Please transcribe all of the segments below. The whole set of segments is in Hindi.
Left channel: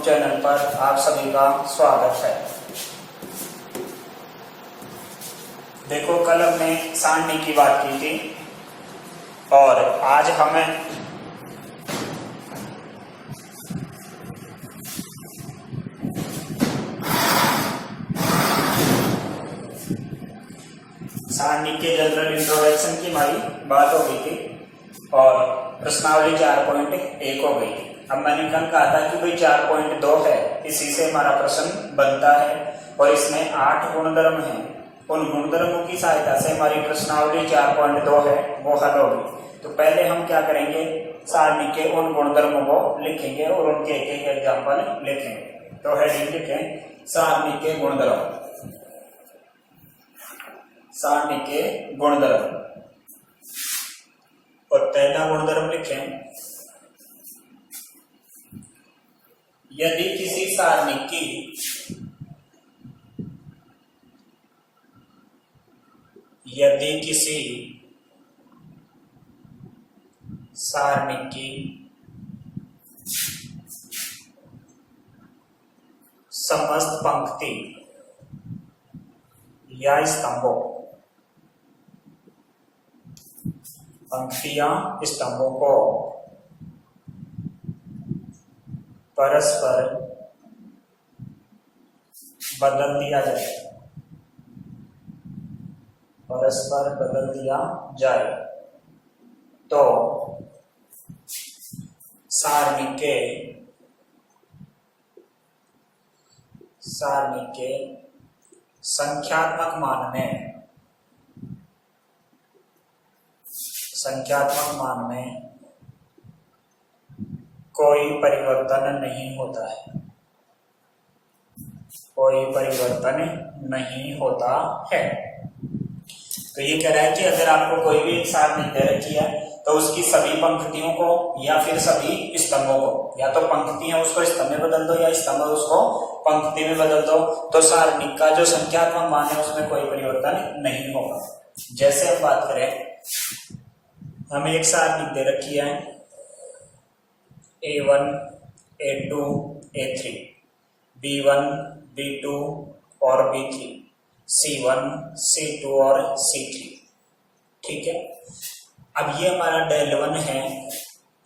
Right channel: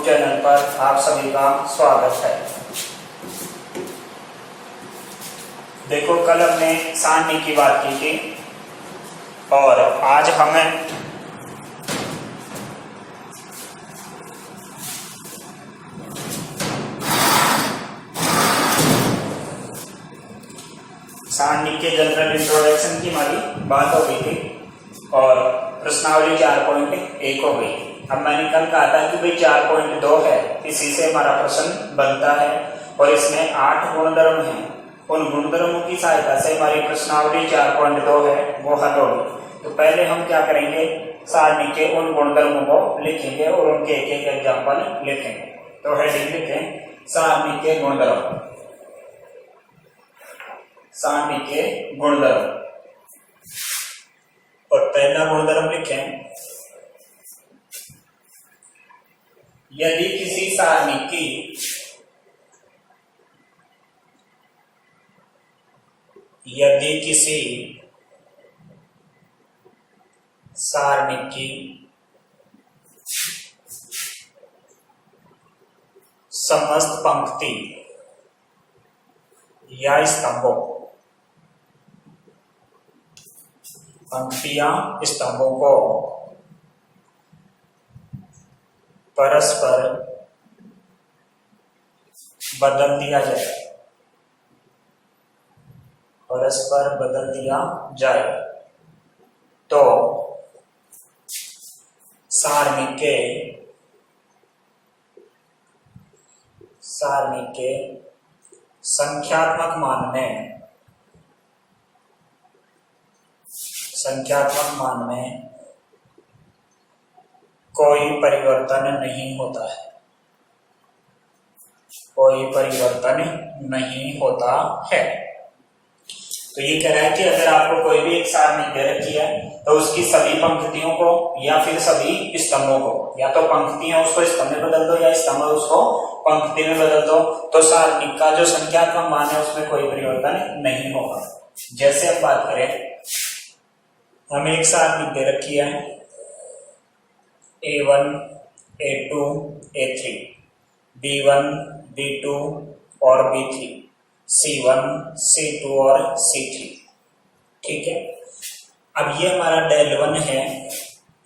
यूट्यूब चैनल पर आप सभी का स्वागत है। देखो, कल हमने सारणी की बात की थी और आज हमें सारणी के जनरल इंट्रोडक्शन की हमारी बात हो गई थी और प्रश्नावली 4.1 हो गई। अब मैंने कल कहा था कि भाई 4.2 है, इसी से हमारा प्रश्न बनता है और इसमें 8 गुणधर्म हैं। उन गुणधर्मों की सहायता से हमारी प्रश्नावली 4.2 है वो हल होगी। तो पहले हम क्या करेंगे, सारणी के उन गुणधर्मों को लिखेंगे और उनके एक एक एग्जाम्पल लिखेंगे। तो हेडिंग लिखें सारणी के गुणधर्म। सारणी के गुणधर्म और पहला गुणधर्म लिखें, यदि किसी सारणी की समस्त पंक्ति या स्तंभों को परस्पर बदल दिया जाए तो सारणी के संख्यात्मक मान में कोई परिवर्तन नहीं होता है। तो ये कह रहा है कि अगर आपको कोई भी एक सारणी दे रखी है तो उसकी सभी पंक्तियों को या फिर सभी स्तंभों को, या तो पंक्ति है उसको स्तंभ में बदल दो या स्तंभ उसको पंक्ति में बदल दो, तो सारणी का जो संख्यात्मक मान है उसमें कोई परिवर्तन नहीं होगा। जैसे हम बात करें, हमें एक सारणी दे रखी है A1, A2, A3, B1, B2 और B3, C1, C2 और C3। ठीक है, अब ये हमारा डेल 1 है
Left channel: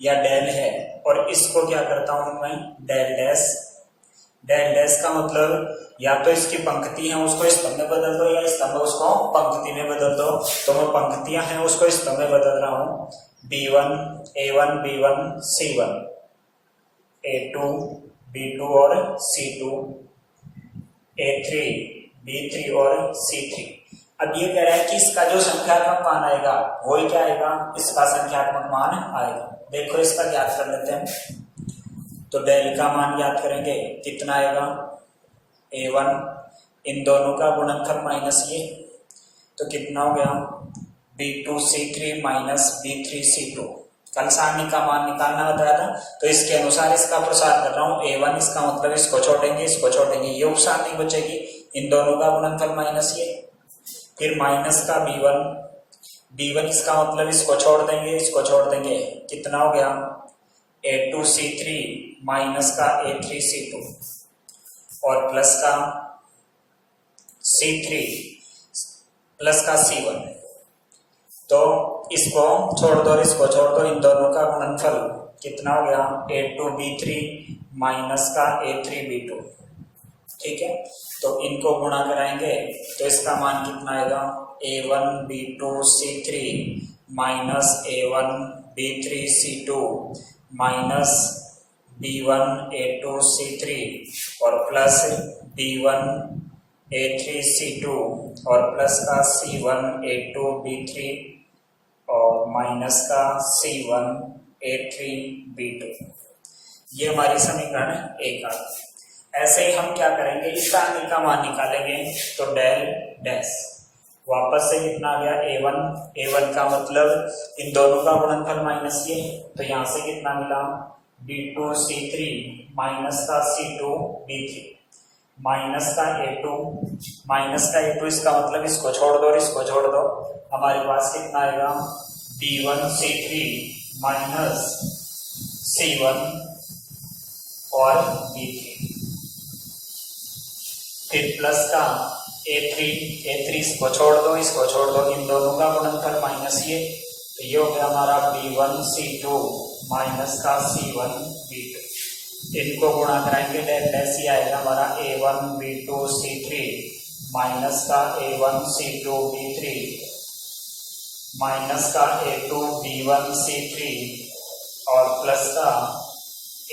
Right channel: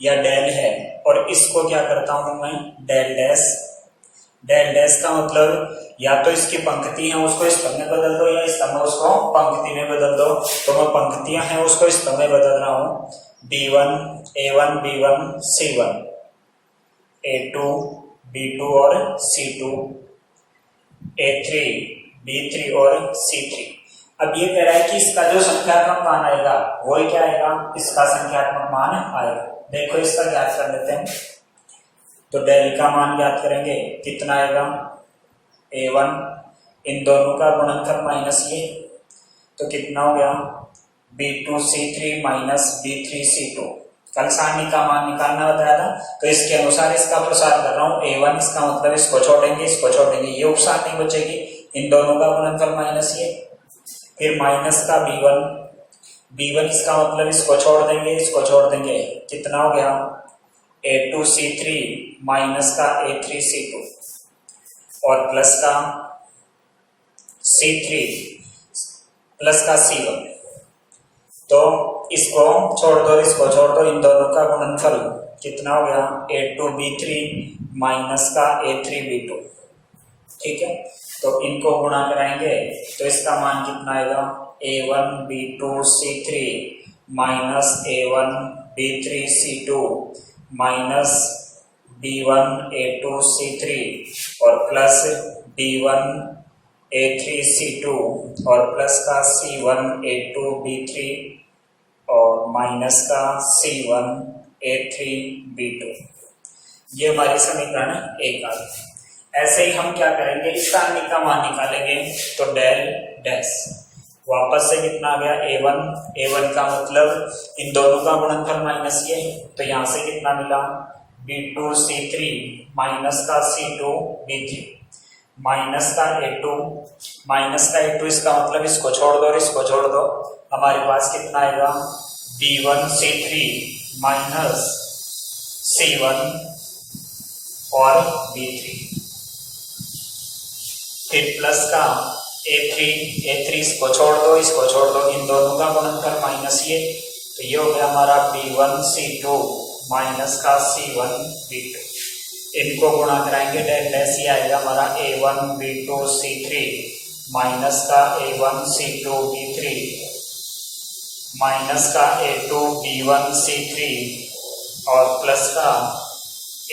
या डेल है और इसको क्या करता हूं मैं, डेल डैश। डेल डैश का मतलब या तो इसकी पंक्ति है उसको स्तंभ में बदल दो या स्तंभ उसको पंक्ति में बदल दो। तो मैं पंक्तियां हैं उसको स्तंभ में बदल रहा हूं। B1, A1, B1, C1, A2, B2 और C2, A3, B3 और C3। अब ये कह रहा है कि इसका जो संख्यात्मक मान आएगा वो क्या आएगा, इसका संख्यात्मक मान आएगा। देखो इसका ज्ञात कर लेते हैं। तो डेल का मान ज्ञात करेंगे, कितना आएगा A1, इन दोनों का गुणनफल माइनस ये, तो कितना हो गया B2 C3 minus B3 C2। कल सारणी का मान निकालना बताया था, तो इसके अनुसार इसका प्रसार कर रहा हूँ। A1 इसका मतलब इसको छोड़ेंगे, ये उप सारणी बचेगी, इन दोनों का गुणनफल माइनस ये, फिर माइनस का B1 इसका मतलब इसको छोड़ देंगे, कितना हो गया A2 C3 माइनस का A3 C2 और प्लस का C3 प्लस का C1। तो इसको छोड़ दो, इन दोनों का गुणनफल कितना हो गया A2 B3 माइनस का A3 B2। ठीक है, तो इनको गुणा कराएंगे तो इसका मान कितना आएगा, A1 B2 C3 minus A1 B3 C2 minus B1 A2 C3 और प्लस B1 A3 C2 और प्लस का C1 A2 B3 और माइनस का C1 A3 B2। ये हमारी समीकरण 1 आ गई। ऐसे ही हम क्या करेंगे, इस सारणी का मान निकालेंगे। तो डेल डैश वापस से कितना आ गया A1 का मतलब इन दोनों का गुणनफल माइनस ये, तो यहाँ से कितना मिला B2 C3 माइनस का C2 B3 माइनस का A2 इसका मतलब इसको छोड़ दो, हमारे पास कितना आएगा B1 C3 माइनस C1 और B3, फिर प्लस का A3 इसको छोड़ दो, इसको छोड़ दो, इन दोनों का गुणनफल माइनस ये, तो ये हो गया हमारा B1 C2 माइनस का C1 B2, इनको गुणा कराएंगे डेल डैश, ये आएगा हमारा A1 B2 C3 माइनस का A1 C2 B3 माइनस का A2 B1 C3 और प्लस का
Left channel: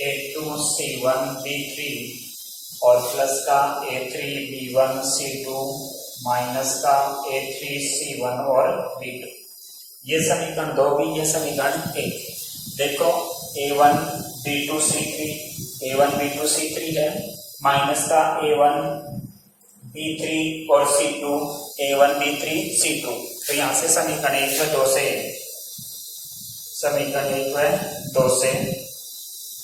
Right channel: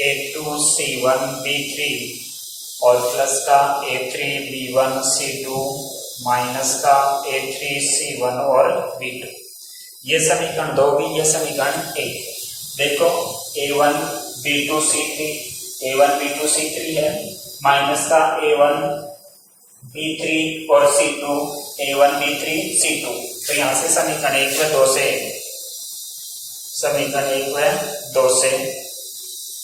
A2 C1 B3 और प्लस का A3 B1 C2 माइनस का A3 C1 और B2। ये समीकरण 2 भी, ये समीकरण 1। देखो A1 B2 C3 है माइनस का A1 B3 और C2 A1 B3 C2, तो यहाँ से समीकरण 1 व 2 से, समीकरण 1 व 2 से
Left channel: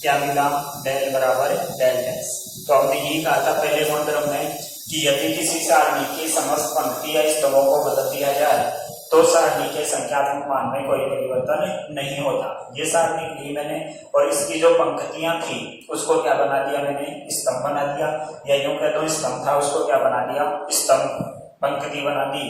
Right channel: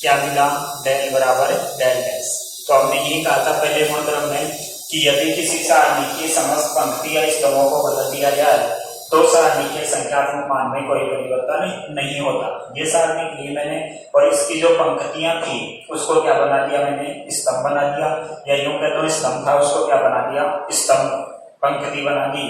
क्या मिला, डेल बराबर डेल डैश। तो हमने यही कहा था पहले गुणधर्म में कि यदि किसी सारणी की समस्त पंक्ति या स्तरों को बदल दिया जाए तो सारणी के संख्यात्मक मान में कोई परिवर्तन नहीं होता। ये सारणी के लिए मैंने, और इसकी जो पंक्तियां थी उसको क्या बना दिया मैंने, स्तंभ बना दिया, या यूं कहता हूँ स्तंभ था उसको क्या बना दिया, स्तंभ, पंक्ति बना दी,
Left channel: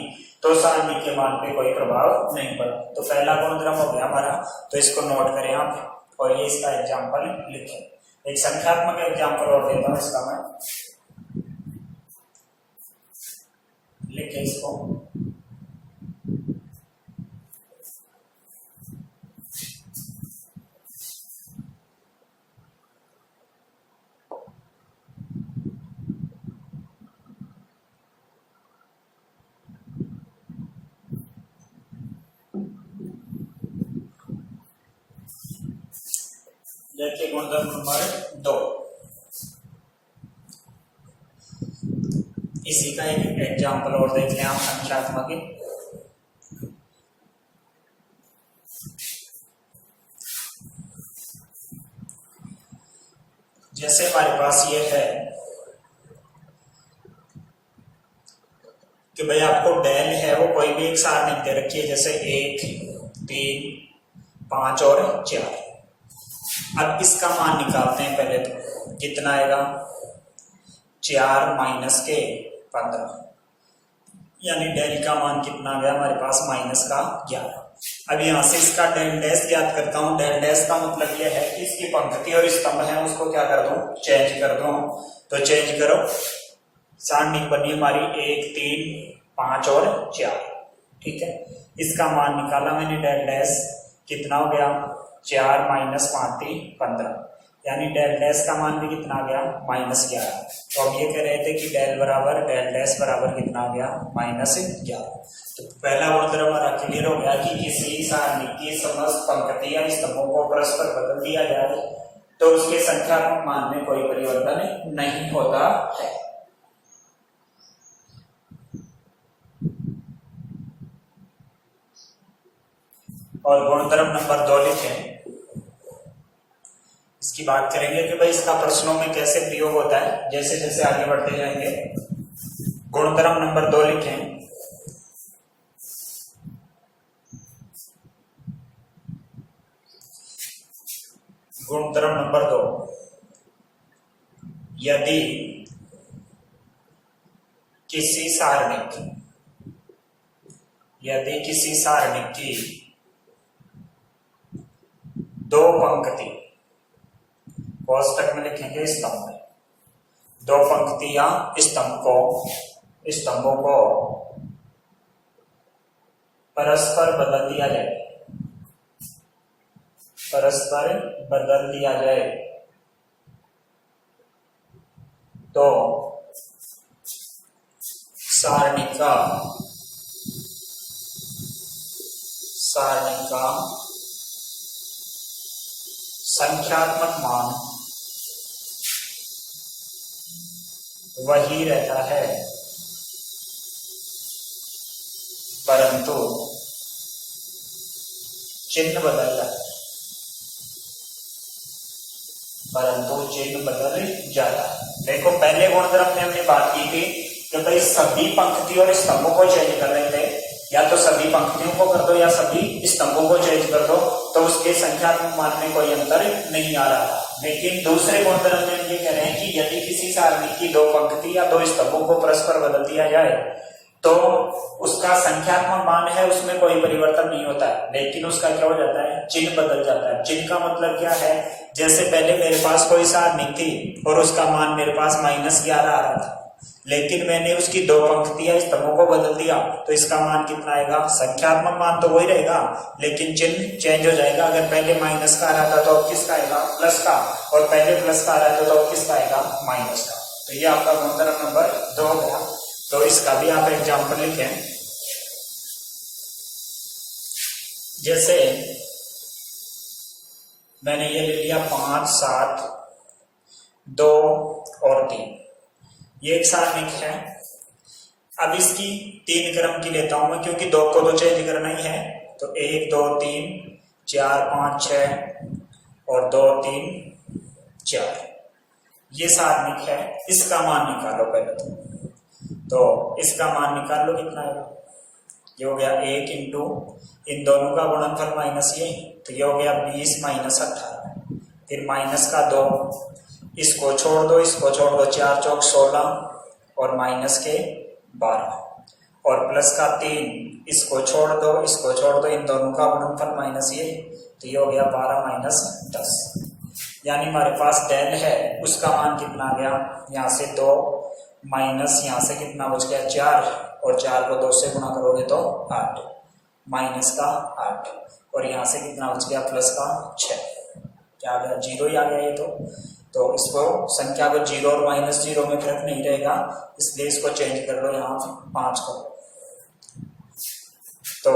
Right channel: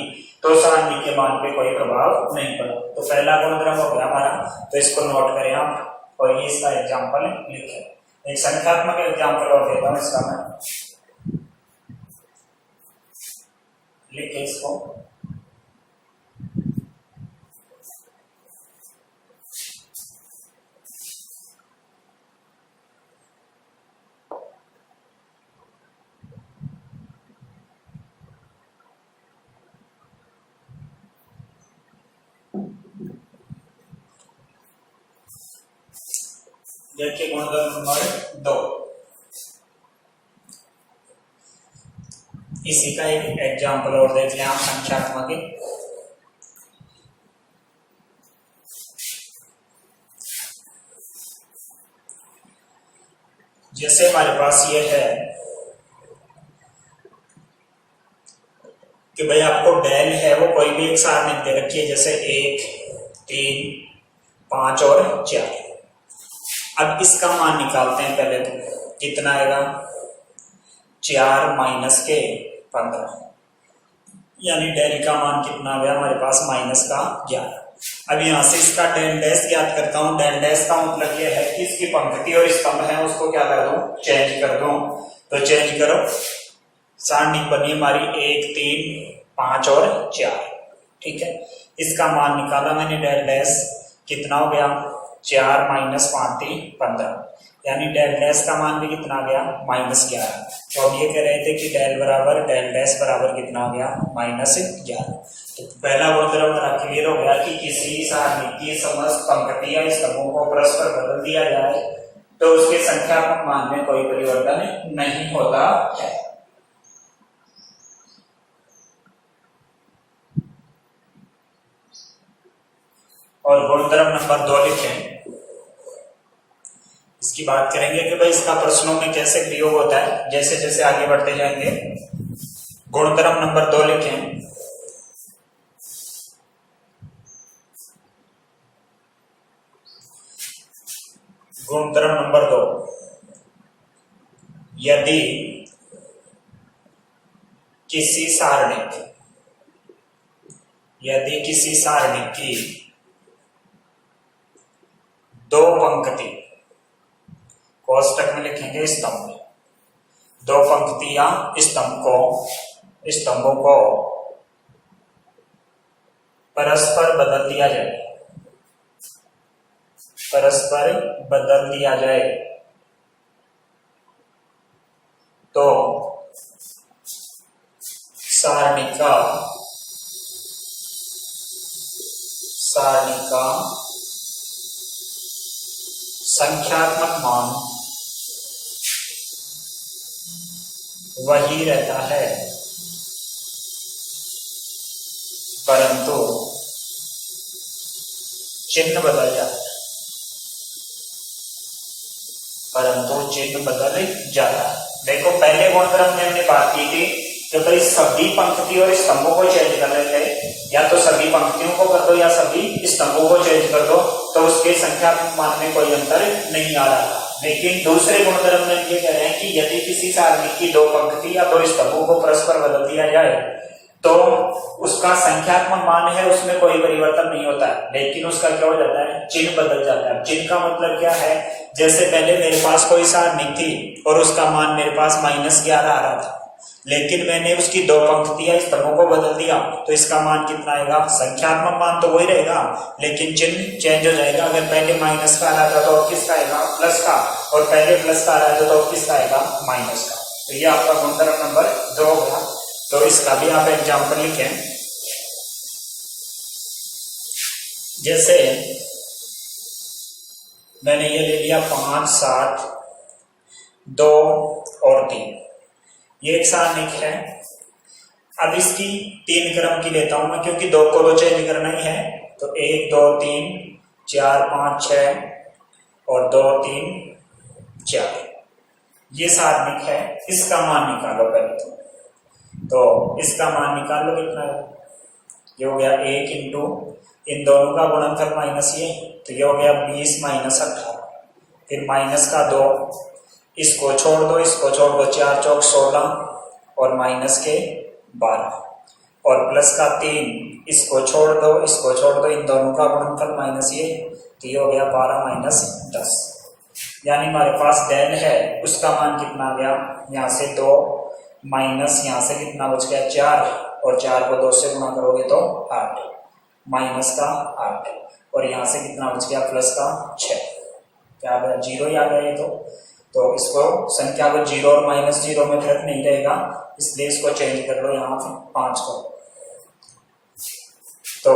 तो सारणी के मान पे कोई प्रभाव नहीं पड़ा। तो पहला गुणधर्म हो गया हमारा, तो इसको नोट करें आप और ये इसका एग्जाम्पल लिखें। एक संख्यात्मक एग्जाम्पल और देता हूं इसका मैं, लिखे इसको। देखिए गुणधर्म नंबर 2, इसी का एक एग्जाम्पल और देख लें आप संख्यात्मक। जैसे हमारे पास ये है कि भाई आपको डेल है वो कोई भी एक सारणी दे रखी है, जैसे 1 3 5 और 4। अब इसका मान निकालते हैं पहले, तो कितना आएगा, 4 माइनस के 15, यानी डेल का मान कितना आ गया हमारे पास, माइनस का 11। अब यहाँ से इसका डेल डैश याद करता हूँ। डेल डैश का मतलब ये है कि इसकी पंक्ति और स्तंभ है उसको क्या कर दूं, चेंज कर दूं। तो चेंज करो, सारणी बनी हमारी 1 3 5 और 4, ठीक है। इसका मान निकाला मैंने, डेल डैश कितना हो गया, 4 माइनस 5 15, यानी डेल डैश का मान भी कितना आ गया, -11। तो अब ये कह रहे थे कि डेल बराबर डेल डैश बराबर कितना आ गया, -11। तो पहला गुणधर्म हमारा क्लियर हो गया कि किसी सारणी की समस्त पंक्ति या स्तंभों को परस्पर बदल दिया जाए तो उसके संख्यात्मक मान में कोई परिवर्तन नहीं होता है। और गुणधर्म नंबर 2 लिखें, इसकी बात करेंगे कि भाई इसका प्रश्नों में कैसे प्रयोग होता है जैसे जैसे आगे बढ़ते जाएंगे। गुणधर्म नंबर 2 लिखें, गुणधर्म नंबर 2, यदि किसी सारणी की 2 पंक्ति, कोष्टक में लिखेंगे स्तंभ में, 2 पंक्तियां स्तंभों को परस्पर बदल दिया जाए तो सारणी का संख्यात्मक मान वही रहता है, परंतु चिन्ह बदल जाता है। देखो पहले गुणधर्म में हमने बात की थी कि भाई सभी पंक्ति और स्तंभों को चेंज कर रहे थे, या तो सभी पंक्तियों को कर दो या सभी स्तंभों को चेंज कर दो, तो उसके संख्यात्मक मान में कोई अंतर नहीं आ रहा। लेकिन दूसरे गुणधर्म में ये कह रहे हैं कि यदि किसी सारणी की दो पंक्ति या दो स्तंभों को परस्पर बदल दिया जाए तो उसका संख्यात्मक मान है उसमें कोई परिवर्तन नहीं होता है, लेकिन उसका क्या हो जाता है, चिन्ह बदल जाता है। चिन्ह का मतलब क्या है, जैसे पहले मेरे पास कोई सारणी थी और उसका मान मेरे पास -11 आ रहा था, लेकिन मैंने उसकी दो पंक्तियां स्तंभों को बदल दिया तो इसका मान कितना आएगा, संख्यात्मक मान तो वही रहेगा लेकिन चिन्ह चेंज हो जाएगा। अगर पहले माइनस का आ रहा था तो अब किसका आएगा, प्लस का, और पहले प्लस का आ रहा था तो अब किसका आएगा, माइनस का। तो ये आपका गुणधर्म नंबर 2 होगा। तो इसका भी आप एग्जाम्पल लिखें। जैसे मैंने ये ले लिया 5, 7, 2 और 3, ये एक सारणिक है। अब इसकी 3 क्रम की लेता हूं मैं, क्योंकि 2 को तो चेंज करना ही है। तो 1, 2, 3, 4, 5, 6 और 2, 3, 4, ये सारणिक है। इसका मान निकालो पहले तो इसका मान निकाल लो कितना है, ये हो गया 1 इंटू इन दोनों का गुणनफल माइनस ये, तो ये हो गया 20 माइनस 18, फिर माइनस का 2, इसको छोड़ दो, इसको छोड़ दो, 4 चौक 16 और माइनस के 12 और प्लस का 3, इसको छोड़ दो, इसको छोड़ दो, इन दोनों का गुणनफल माइनस ये, तो ये हो गया 12 माइनस 10। यानी हमारे पास डेल है उसका मान कितना आ गया, यहाँ से 2 माइनस यहाँ से कितना बच गया 4, और 4 को 2 से गुणा करोगे तो 8, माइनस का 8, और यहाँ से कितना बच गया प्लस का 6, क्या आ गया 0 ही आ गया ये। तो इसको संख्या को 0 और -0 में फर्क नहीं रहेगा, इसलिए इसको चेंज कर लो यहाँ 5 को। तो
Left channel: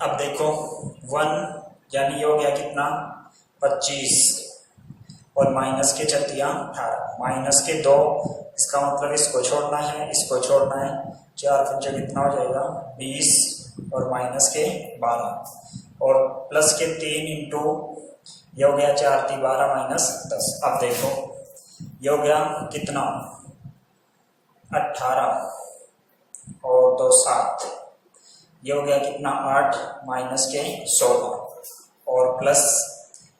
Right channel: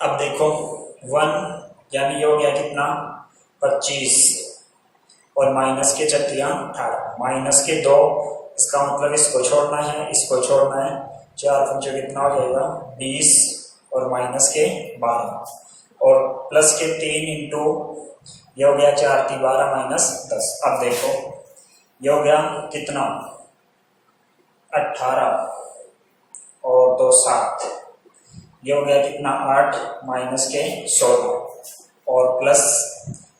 अब देखो 1 यानी ये हो गया कितना 25 और माइनस के 18, माइनस के 2, इसका मतलब इसको छोड़ना है, इसको छोड़ना है, 4 पंचे कितना हो जाएगा 20 और माइनस के 12 और प्लस के 3 इंटू ये हो गया 4 × 12 माइनस 10। अब देखो ये हो गया कितना 18 और 2 7, ये हो गया कितना 8 माइनस के 16 और प्लस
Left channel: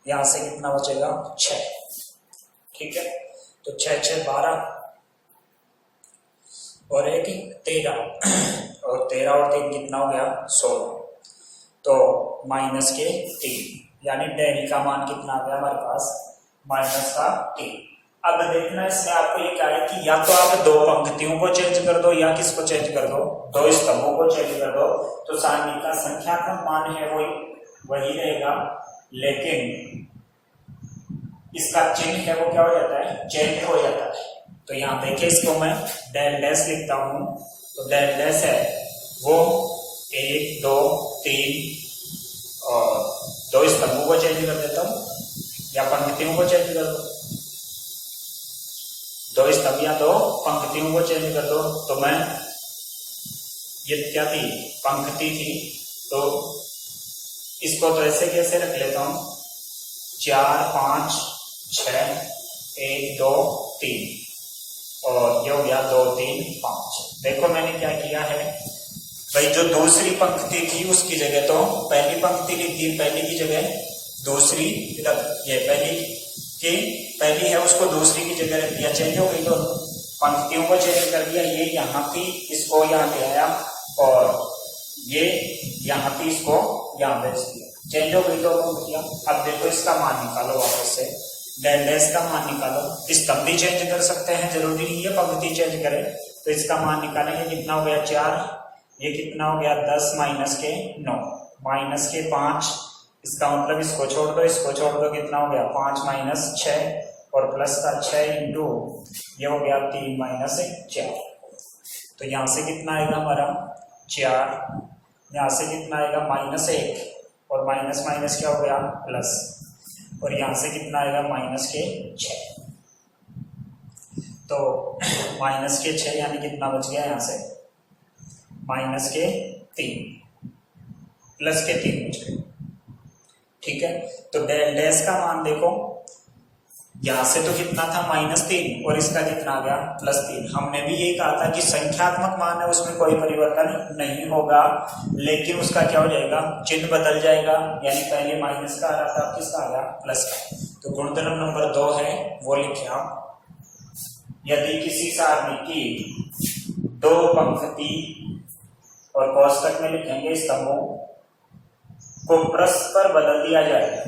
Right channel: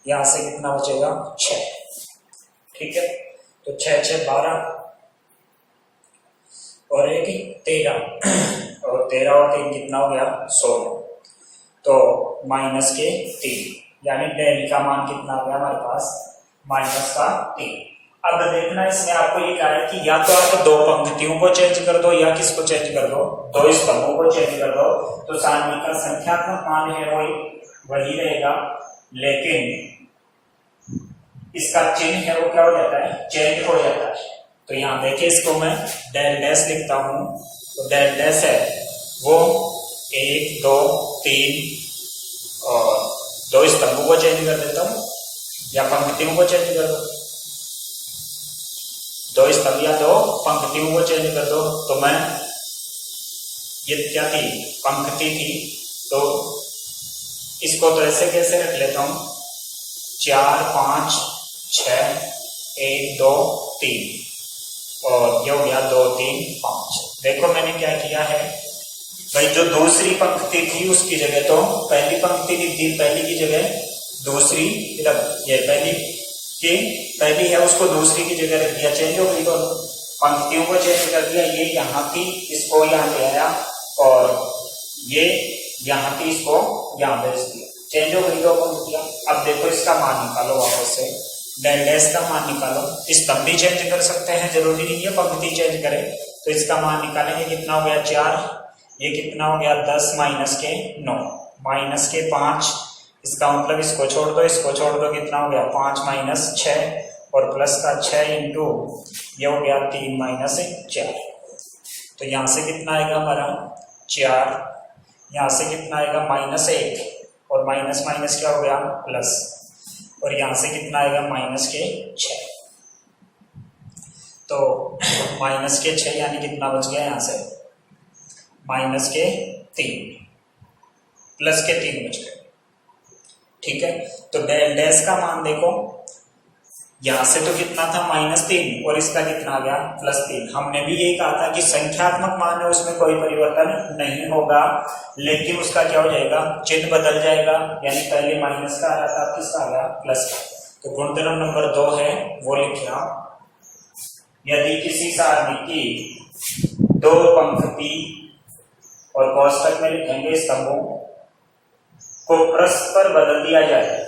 यहाँ से कितना बचेगा 6, ठीक है। तो 6 6 12 और 1 13 और 13 और 3 कितना हो गया 16, तो माइनस के 3, यानी डेल का मान कितना आ गया हमारे पास माइनस का 3। अब देखना इसमें आपको ये कहा है कि या तो आप दो पंक्तियों को चेंज कर दो या किसको चेंज कर दो, दो स्तंभों को चेंज कर दो, तो सारणी का संख्यात्मक मान है वही रहेगा, लेकिन इसका चिन्ह है वो क्या हो जाता है, चेंज हो जाता है। तो यहाँ देखिए इसको मैं डेल डैश लिखता हूं, तो डेल डैश है वो 1 2 3 और 2 स्तंभों को चेंज कर देता हूं या पंक्तियों को चेंज कर दो, 2 स्तंभ या 2 पंक्तियों को चेंज कर दो। तो मैं ये क्या थी, पंक्ति थी, तो इसको तो ऐसे कैसे रख लेता हूं 4 5 6 1 2 3 और ये हो गया 2 3 5। देखो मैंने क्या किया है भाई, जो दूसरी पंक्ति थी उसकी जगह तो पहली पंक्ति लिख दी, पहली की जगह दूसरी, ये पहली है उसको दूसरी की जगह रख दिया, चेंज हो गई। तो पंक्तियों को चेंज कर दिया, ये यहाँ थी इसको यहाँ ले आया और ये यहाँ थी इसको यहाँ भेज दिया, चेंज हो गई 2 पंक्तियां। अब देखो इसका मान निकालो वापस से, डेल डैश का मान निकालो। स्तंभ भी चेंज कर सकते हैं, जरूरी नहीं है पंक्ति चेंज करें। तो इसका मान निकालेंगे, कितना हो गया 4, ये कितना हो गया 10 माइनस के 9 माइनस के 5, इसका मतलब इसको छोड़ दो, इसको छोड़ दो, कितना हो गया 5 माइनस 6 और प्लस का 6 इंटू ये हो गया 3 माइनस 4। तो यहाँ से कितना आएगा हमारा 4, यहाँ से कितना आएगा -1 और माइनस माइनस क्या हो गया प्लस, और यहाँ से कितना आएगा माइनस के 6। तो माइनस के 6 यानी कितना बच गया यहाँ से माइनस के 3 प्लस के 3 बच गए, ठीक है। तो डेल डैश का मान देखो यहाँ से तो कितना था -3 और इसका कितना आ गया +3। हमने भी यही कहा था कि संख्यात्मक मान है उसमें कोई परिवर्तन नहीं होगा, लेकिन उसका क्या हो जाएगा, चिन्ह बदल जाएगा। यानी पहले माइनस का आ रहा था, किसका आ गया, प्लस का। तो गुणधर्म नंबर 2 है वो लिखे आप। यदि किसी सारणी की 2 पंक्ति और कोष्टक में लिखेंगे स्तंभों को परस्पर बदल दिया जाए,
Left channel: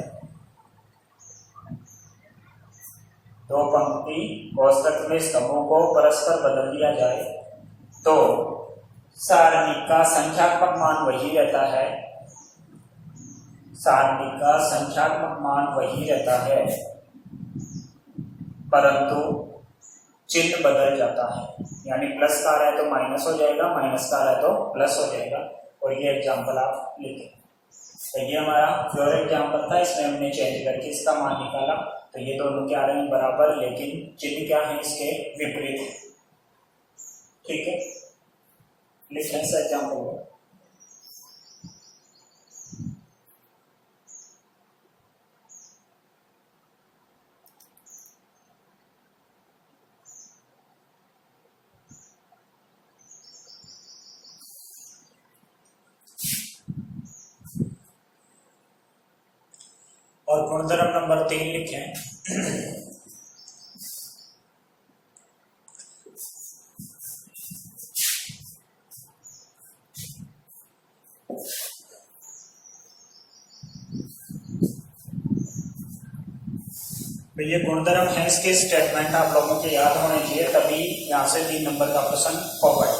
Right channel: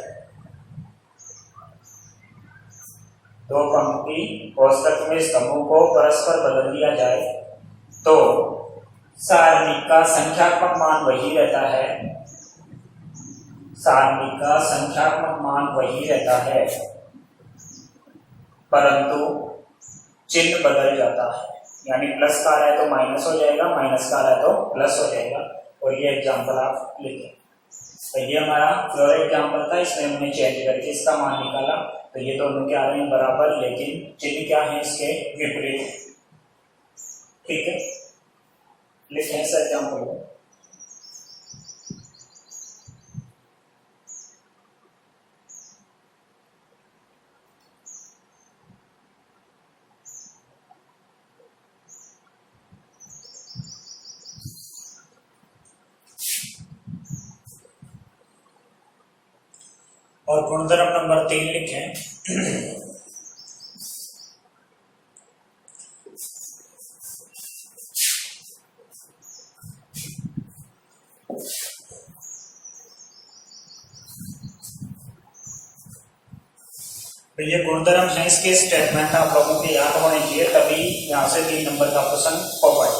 2 पंक्ति कोष्टक में स्तंभों को परस्पर बदल दिया जाए, तो सारणी का संख्यात्मक मान वही रहता है, सारणी का संख्यात्मक मान वही रहता है, परंतु चिन्ह बदल जाता है। यानी प्लस का आ रहा है तो माइनस हो जाएगा, माइनस का आ रहा है तो प्लस हो जाएगा। और ये एग्जाम्पल आप लिखें। तो ये हमारा फ्लोर एग्जाम्पल था, इसमें हमने चेंज करके इसका मान निकाला। तो ये दोनों क्या आ रहे हैं, बराबर, लेकिन चिन्ह क्या है इसके विपरीत। ठीक है, लिखें इस एग्जाम्पल को। और गुणधर्म नंबर 3 लिखें। तो ये गुणधर्म है, इसके स्टेटमेंट आप लोगों के याद होने चाहिए, तभी यहां से 3 नंबर का प्रश्न होगा।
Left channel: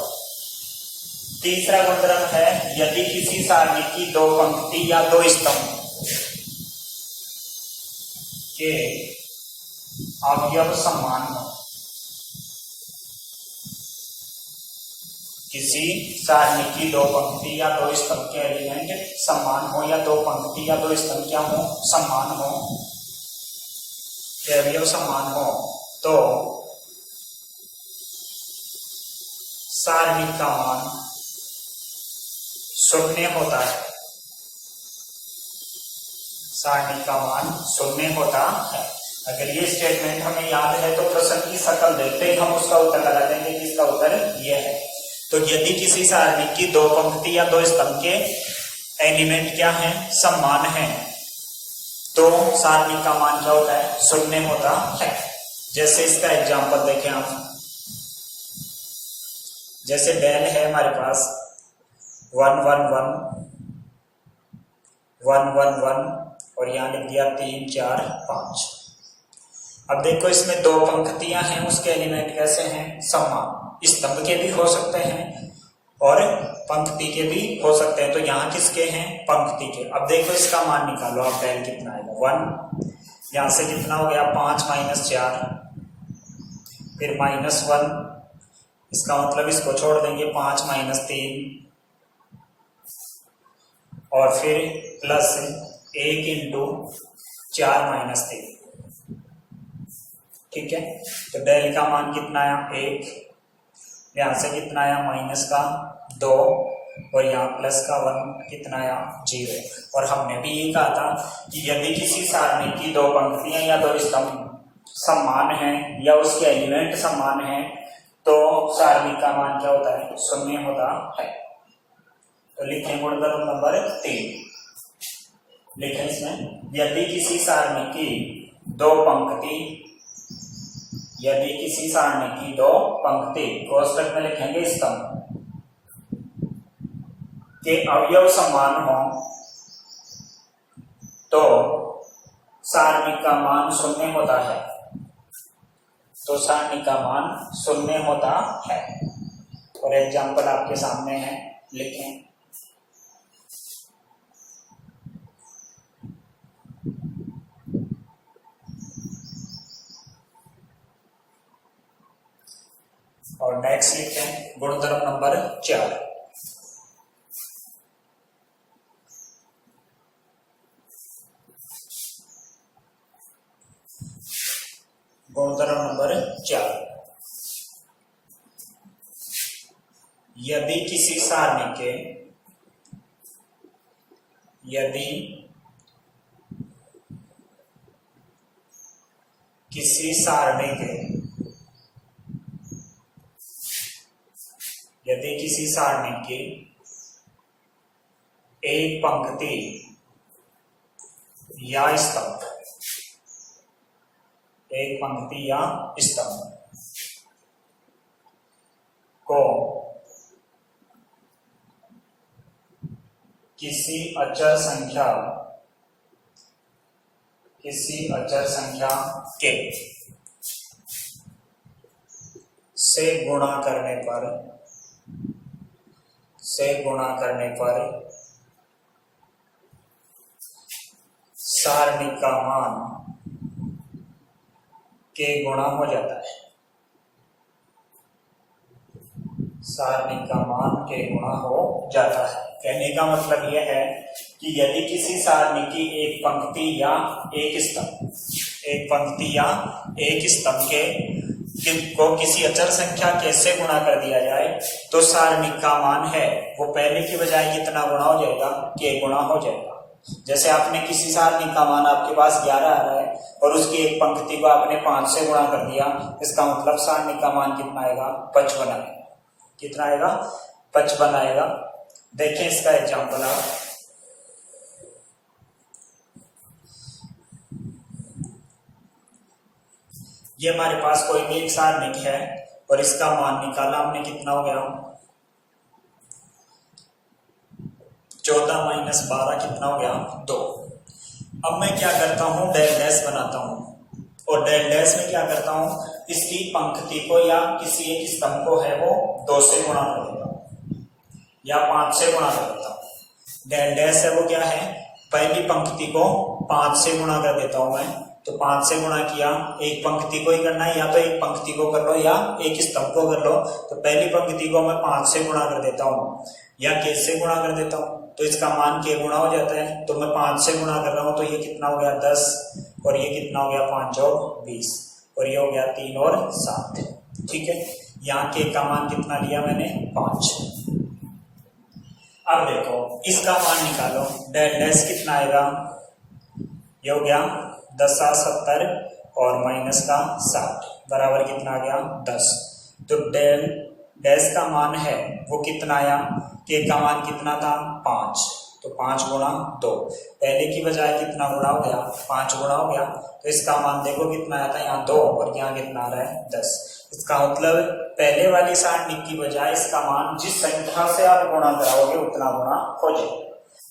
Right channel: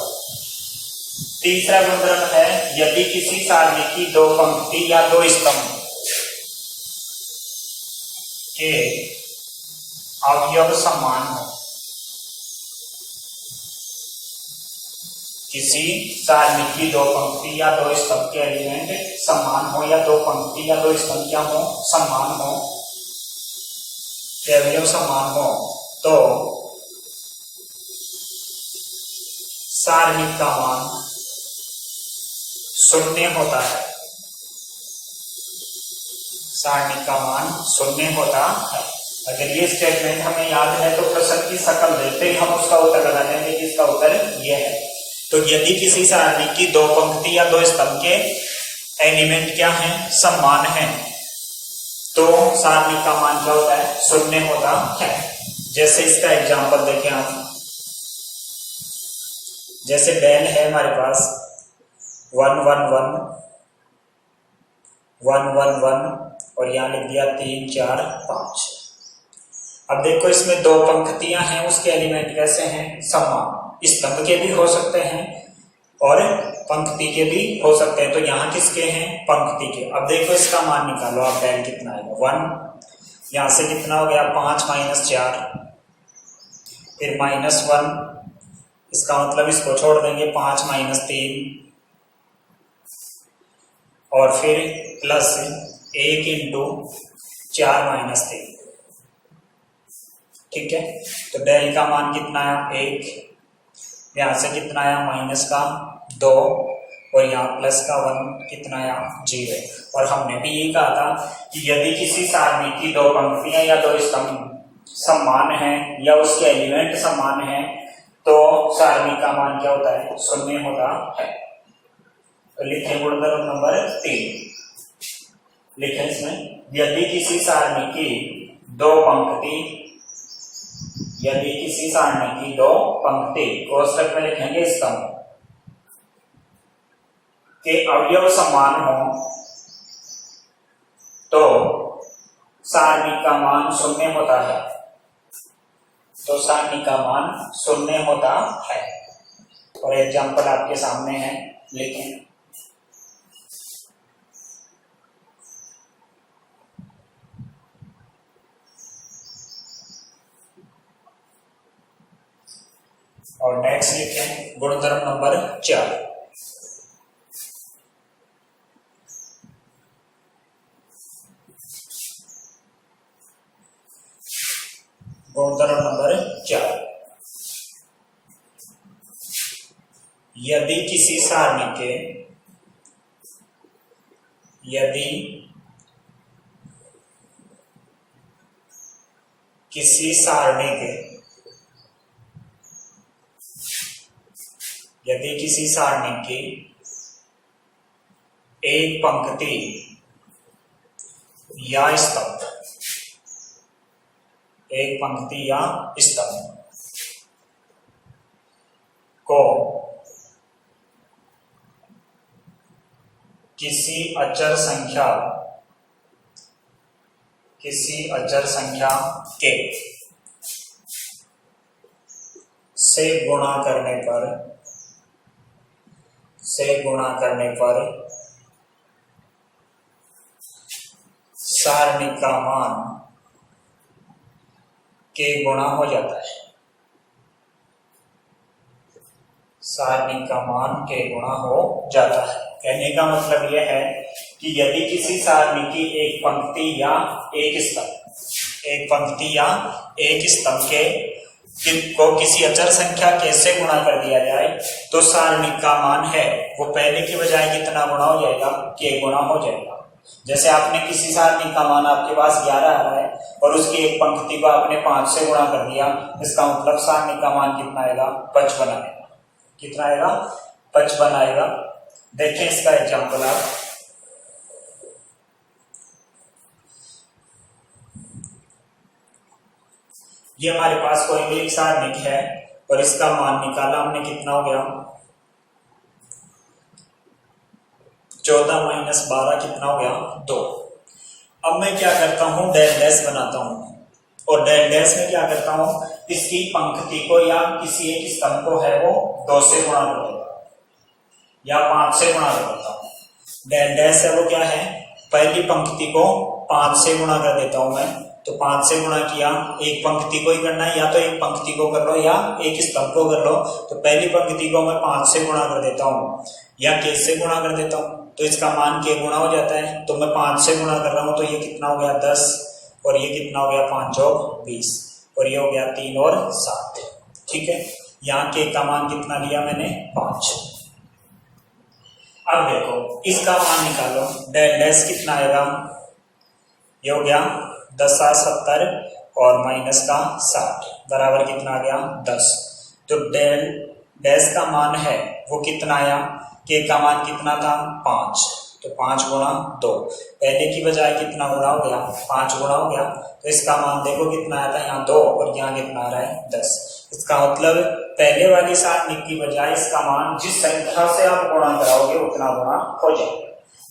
तीसरा गुणधर्म है, यदि किसी सारणी की 2 पंक्ति या 2 स्तंभ के अवयव समान हो। किसी सारणी की 2 पंक्ति या 2 स्तंभ के एलिमेंट समान हो, या 2 पंक्ति या 2 स्तंभ क्या हो, समान हो, अवयव समान हो, तो सारणी का मान 0 होता है। सारणी का मान 0 होता है। अगर ये स्टेटमेंट हमें याद है तो प्रश्न की शक्ल देते ही हम उसका उत्तर लगा देंगे, जिसका उत्तर ये है। तो यदि किसी सारणी की 2 पंक्ति या 2 स्तंभ के एलिमेंट क्या हैं, समान हैं, तो सारणी का मान क्या होता है, 0 होता है। जैसे इसका एग्जांपल देखें हम। जैसे बैल है हमारे पास 1 1 1 1 1 1 और यहां लिख दिया 3 4 5। अब देखो इसमें 2 पंक्तियां हैं, उसके एलिमेंट कैसे हैं, समान। स्तंभ के भी हो सकते हैं और पंक्ति के भी हो सकते हैं। तो यहाँ किसके हैं, पंक्ति के। अब देखो इसका मान निकालो आप, बैल कितना आएगा, 1, यहां से कितना हो गया 5 - 4, फिर -1, इसका मतलब इसको छोड़ देंगे, 5 - 3, और फिर प्लस 1 × 4 - 3। ठीक है, तो डेल का मान कितना आया, 1, यहां से कितना आया, -2, और यहाँ +1 कितना आया, 0। और हमने भी ये कहा था कि यदि किसी सारणी की 2 पंक्तियां या 2 स्तंभ समान हैं या उसके एलिमेंट समान हैं, तो सारणी का मान क्या होता है, 0 होता है। तो लिखें गुणधर्म नंबर 3। लिखें इसमें, यदि किसी सारणी की 2 पंक्ति, यदि किसी सारणी की 2 पंक्ति, कोष्टक में लिखेंगे स्तंभ, के अवयव समान हो, तो सारणी का मान 0 होता है। तो सारणी का मान 0 होता है। और एग्जाम्पल आपके सामने है, लिखें। और नेक्स्ट लिखें गुणधर्म नंबर 4। गुणधर्म नंबर 4, यदि किसी सारणी के, यदि किसी सारणी के, यदि किसी सारणी की एक पंक्ति या स्तंभ, एक पंक्ति या स्तंभ को किसी अचर संख्या के से गुणा करने पर सारणी का मान के गुणा हो जाता है, सारणी का मान के गुणा हो जाता है। कहने का मतलब यह है कि यदि किसी सारणी की एक पंक्ति या एक स्तंभ को किसी अचर संख्या के से गुणा कर दिया जाए तो सारणी का मान है वो पहले की बजाय कितना गुणा हो जाएगा, के गुणा हो जाएगा। जैसे आपने किसी सारणी का मान आपके पास 11 आ रहा है और उसकी एक पंक्ति को आपने 5 से गुणा कर दिया, इसका मतलब सारणी का मान कितना आएगा, 55 आएगा। कितना आएगा, 55 आएगा। देखिए इसका एग्जाम्पल आप, ये हमारे पास कोई भी एक सारणी है और इसका मान निकाला हमने, कितना हो गया 14 माइनस 12 कितना हो गया 2। अब मैं क्या करता हूं, डेल डैश बनाता हूं और डेल डैश में क्या करता हूं, इसकी पंक्ति को या किसी एक स्तंभ को है वो 2 से गुणा कर देता या 5 से गुणा कर देता हूं। डेल डैश है वो क्या है, पहली पंक्ति को 5 से गुणा कर देता हूं मैं, तो 5 से गुणा किया, एक पंक्ति को ही करना है, या तो एक पंक्ति को कर लो या एक स्तंभ को कर लो। तो पहली पंक्ति को मैं 5 से गुणा कर देता हूँ या के से गुणा कर देता हूँ, तो इसका मान के गुणा हो जाता है। तो मैं 5 से गुणा कर रहा हूँ तो ये कितना हो गया 10 और ये कितना हो गया 5 और 20 और ये हो गया 3 और 7। ठीक है, यहाँ के का मान कितना लिया मैंने 5। अब देखो इसका मान निकालो, डेल डैश कितना आएगा, ये हो गया 10 7 70 और माइनस का 60 बराबर कितना आ गया 10। तो डेल डैश का मान है वो कितना आया, के का मान कितना था 5, तो 5 गुणा 2, पहले की बजाय कितना गुणा हो गया 5 गुणा हो गया। तो इसका मान देखो कितना आया था, यहाँ 2 और यहाँ कितना आ रहा है 10। इसका मतलब पहले वाली सारणी की बजाय इसका मान जिस संख्या से आप गुणा कराओगे उतना गुणा हो जाएगा।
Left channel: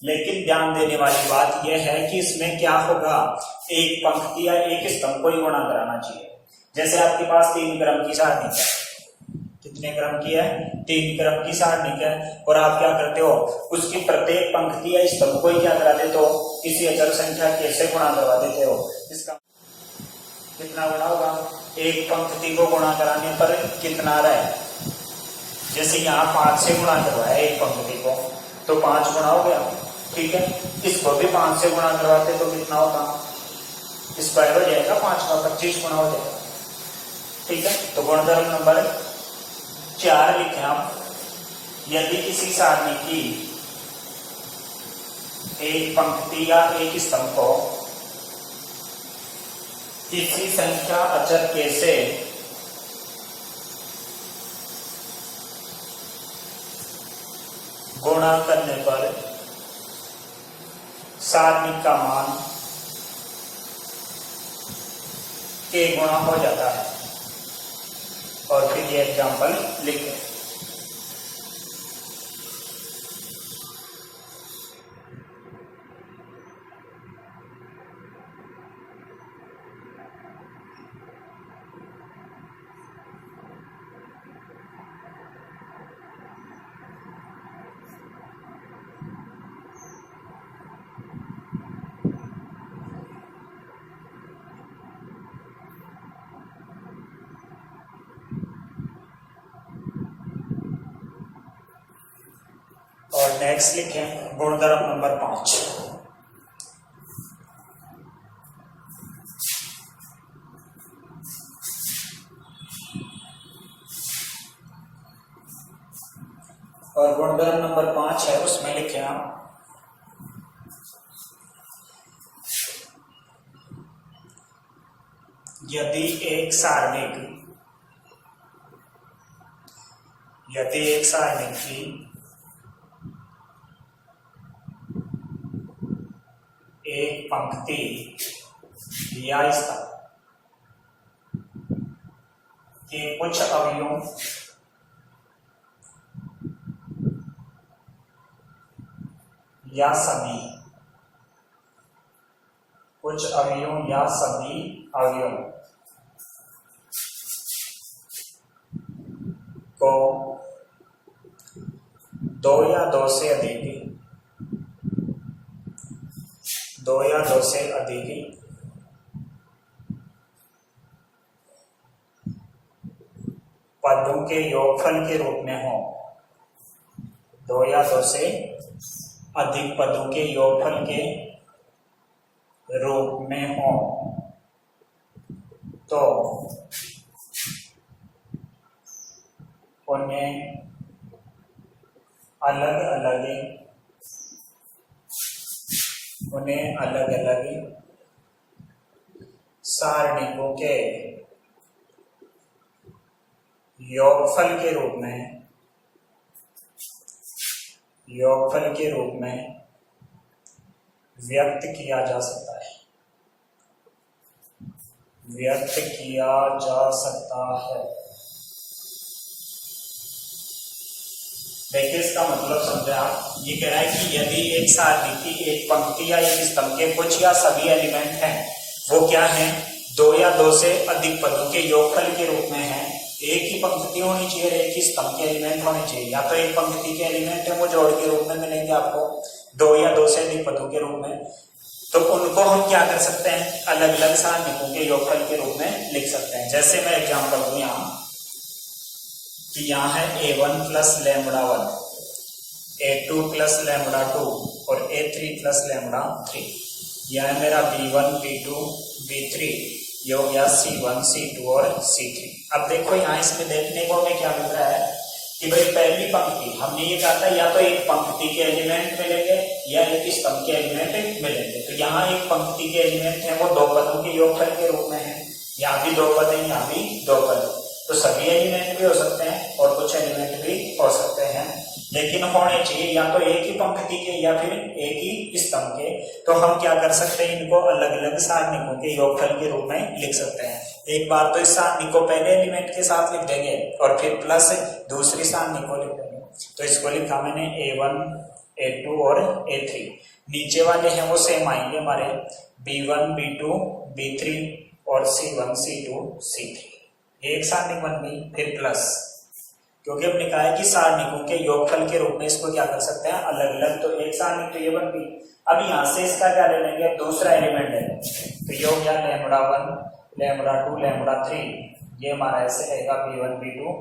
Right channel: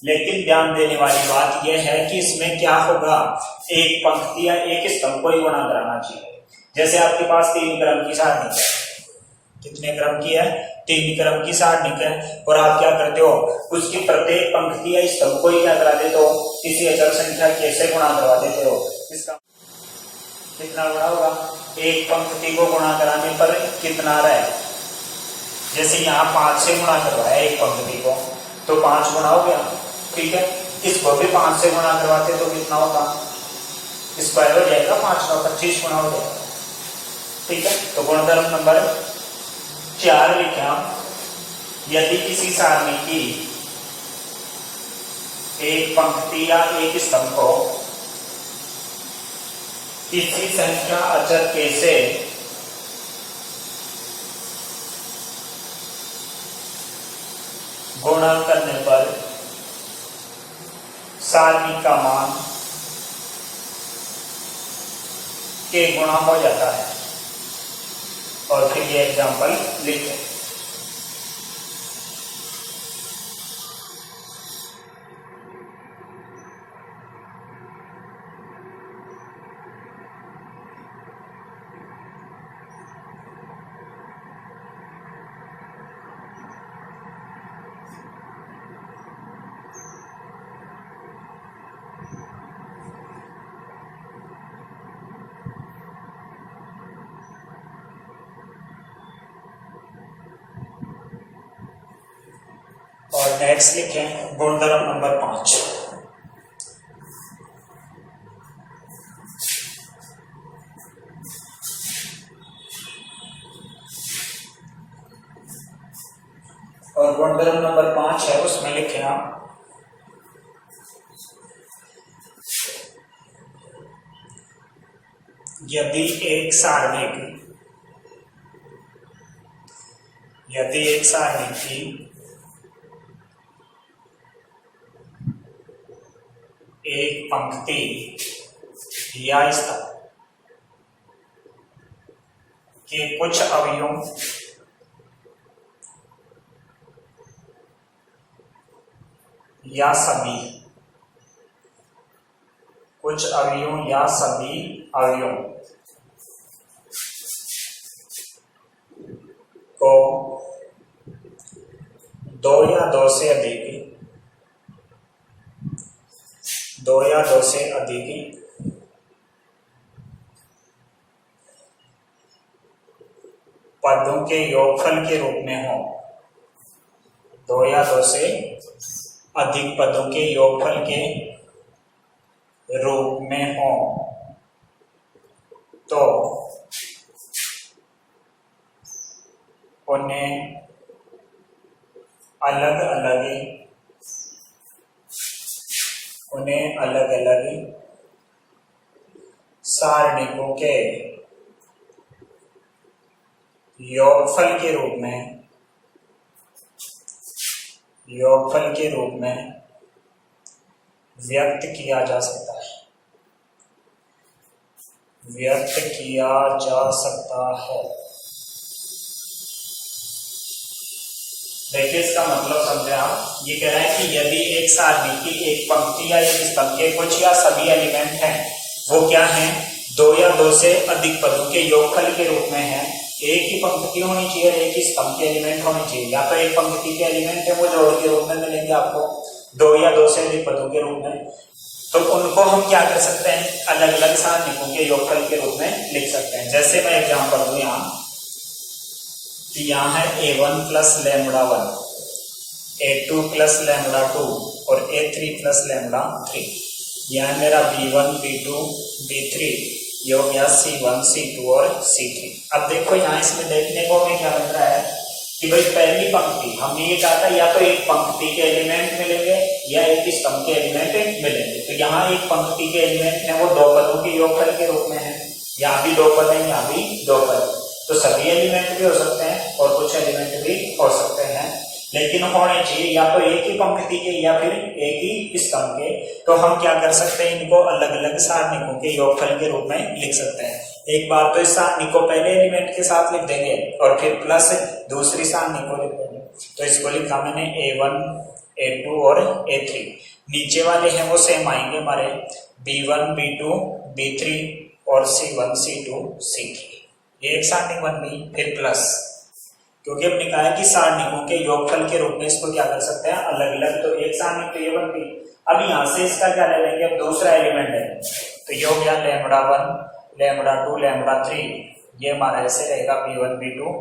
लेकिन ध्यान देने वाली बात यह है कि इसमें क्या होगा, एक पंक्ति या एक स्तंभ को ही गुणा कराना चाहिए। जैसे आपके पास 3 क्रम की सारणी है, कितने क्रम की है 3 क्रम की सारणी है, और आप क्या करते हो उसकी प्रत्येक पंक्ति या स्तंभ को ही क्या करा देते हो, किसी अचर संख्या के से गुणा करवा देते हो। इसका कितना गुणा होगा, एक पंक्ति को गुणा कराने पर कितना आ रहा है, जैसे यहाँ 5 से गुणा करवाया एक पंक्ति को तो 5 गुणा हो गया। ठीक है, इसको भी 5 से गुणा करवाते तो कितना होता, स्क्वायर हो जाएगा 5 का 25 गुणा हो जाएगा। ठीक है, तो गुणधर्म नंबर 4 लिखे हम, यदि किसी सारणी की एक पंक्ति या एक स्तंभ को किसी संख्या अचर के से गुणा करने पर सारणी का मान के गुणा हो जाता है। और फिर ये एग्जाम्पल लिखें। और नेक्स्ट लिखें गुणधर्म नंबर 5। और गुणधर्म नंबर 5 है उसमें लिखे हम, यदि एक सारणी की एक पंक्ति या स्तंभ के कुछ अवयवों या सभी अवयवों को दो या दो से अधिक पदों के योगफल के रूप में हो, 2 या 2 से अधिक पदों के योगफल के रूप में हो तो उन्हें अलग अलग सारणिकों के योगफल के रूप में व्यक्त किया जा सकता है। देखिए इसका मतलब समझे आप। ये कह रहा है कि यदि एक सारणी की एक पंक्ति या एक स्तंभ के कुछ या सभी एलिमेंट हैं, वो क्या हैं, 2 या 2 से अधिक पदों के योगफल के रूप में हैं। एक ही पंक्ति होनी चाहिए, एक ही स्तंभ के एलिमेंट होने चाहिए, या तो एक पंक्ति के एलिमेंट है वो जोड़ के रूप में मिलेंगे आपको 2 या 2 से अधिक पदों के रूप में, तो उनको हम क्या कर सकते हैं, अलग अलग सारणिकों के योगफल के रूप में लिख सकते हैं। जैसे मैं एग्जांपल दूं यहाँ कि यहाँ है a1 plus lambda 1, a2 plus lambda 2 और a3 प्लस लैम्बडा 3। यह है मेरा b1 b2 b3, ये हो गया c1 c2 और c3। अब देखो यहाँ इसमें देखने को हमें क्या मिल रहा है कि भाई पहली पंक्ति हमने ये कहा था या तो एक पंक्ति के एलिमेंट मिलेंगे या एक स्तंभ के एलिमेंट मिलेंगे। तो यहाँ एक पंक्ति के एलिमेंट है वो 2 पदों के योगफल के रूप में है, यहाँ भी 2 पद है, यहाँ भी 2 पद है। तो सभी एलिमेंट भी हो सकते हैं और कुछ एलिमेंट भी हो सकते हैं, लेकिन होने चाहिए या तो एक ही पंक्ति के या फिर एक ही स्तंभ के। तो हम क्या कर सकते हैं, इनको अलग अलग सारणिकों के योगफल के रूप में लिख सकते हैं। एक बार तो इस सारणी को पहले एलिमेंट के साथ लिख देंगे और फिर प्लस दूसरी सारणी को लिख देंगे। तो इसको लिखा मैंने a1 a2 और a3। नीचे वाले हैं वो सेम आएंगे हमारे b1 b2 b3 और c1 c2 c3। ये एक सारणी बन गई। फिर प्लस, क्योंकि हमने कहा है कि सारणिकों के योगफल के रूप में इसको क्या कर सकते हैं, अलग अलग। तो एक सारणी तो ये बन गई। अब यहाँ से इसका क्या ले लेंगे, अब दूसरा एलिमेंट है तो ये हो गया लैम्बडा 1 लैम्बडा 2 लैम्बडा 3। ये हमारा ऐसे रहेगा b1 b2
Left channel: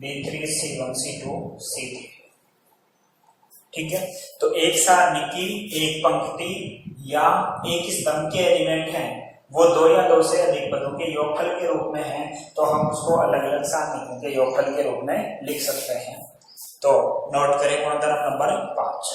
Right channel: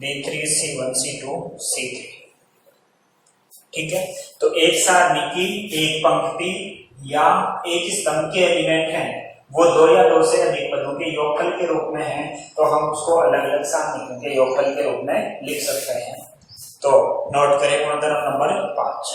b3 c1 c2 c3। ठीक है, तो एक सारणी की एक पंक्ति या एक स्तंभ के एलिमेंट हैं वो 2 या 2 से अधिक पदों के योगफल के रूप में है, तो हम उसको अलग अलग सारणिकों के योगफल के रूप में लिख सकते हैं। तो नोट करें गुणधर्म नंबर 5।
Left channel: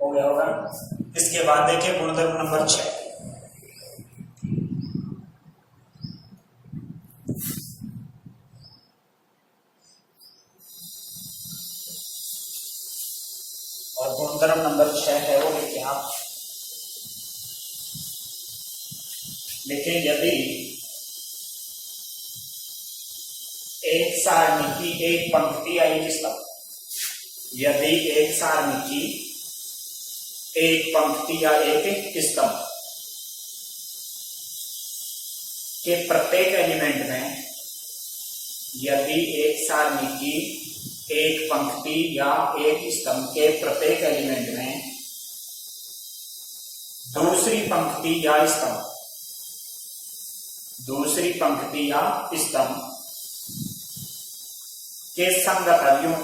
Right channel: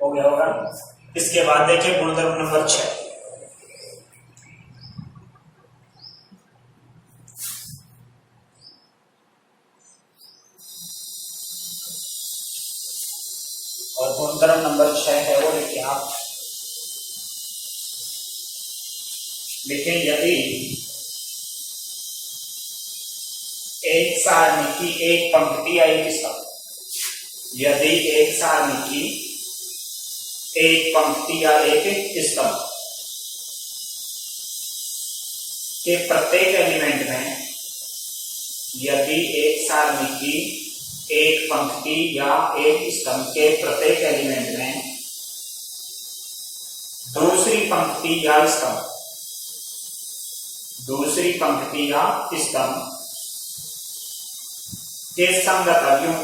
हो गया होगा। इसके बाद देखिए गुणधर्म नंबर 6। और गुणधर्म नंबर 6 है वो देखिए आप, लेकिन यदि एक सारणी की एक पंक्ति या एक स्तंभ, यदि एक सारणी की एक पंक्ति या एक स्तंभ के प्रत्येक एलिमेंट में यदि एक सारणी की एक पंक्ति या एक स्तंभ के प्रत्येक एलिमेंट में दूसरी पंक्ति या स्तंभ के संगत अवयवों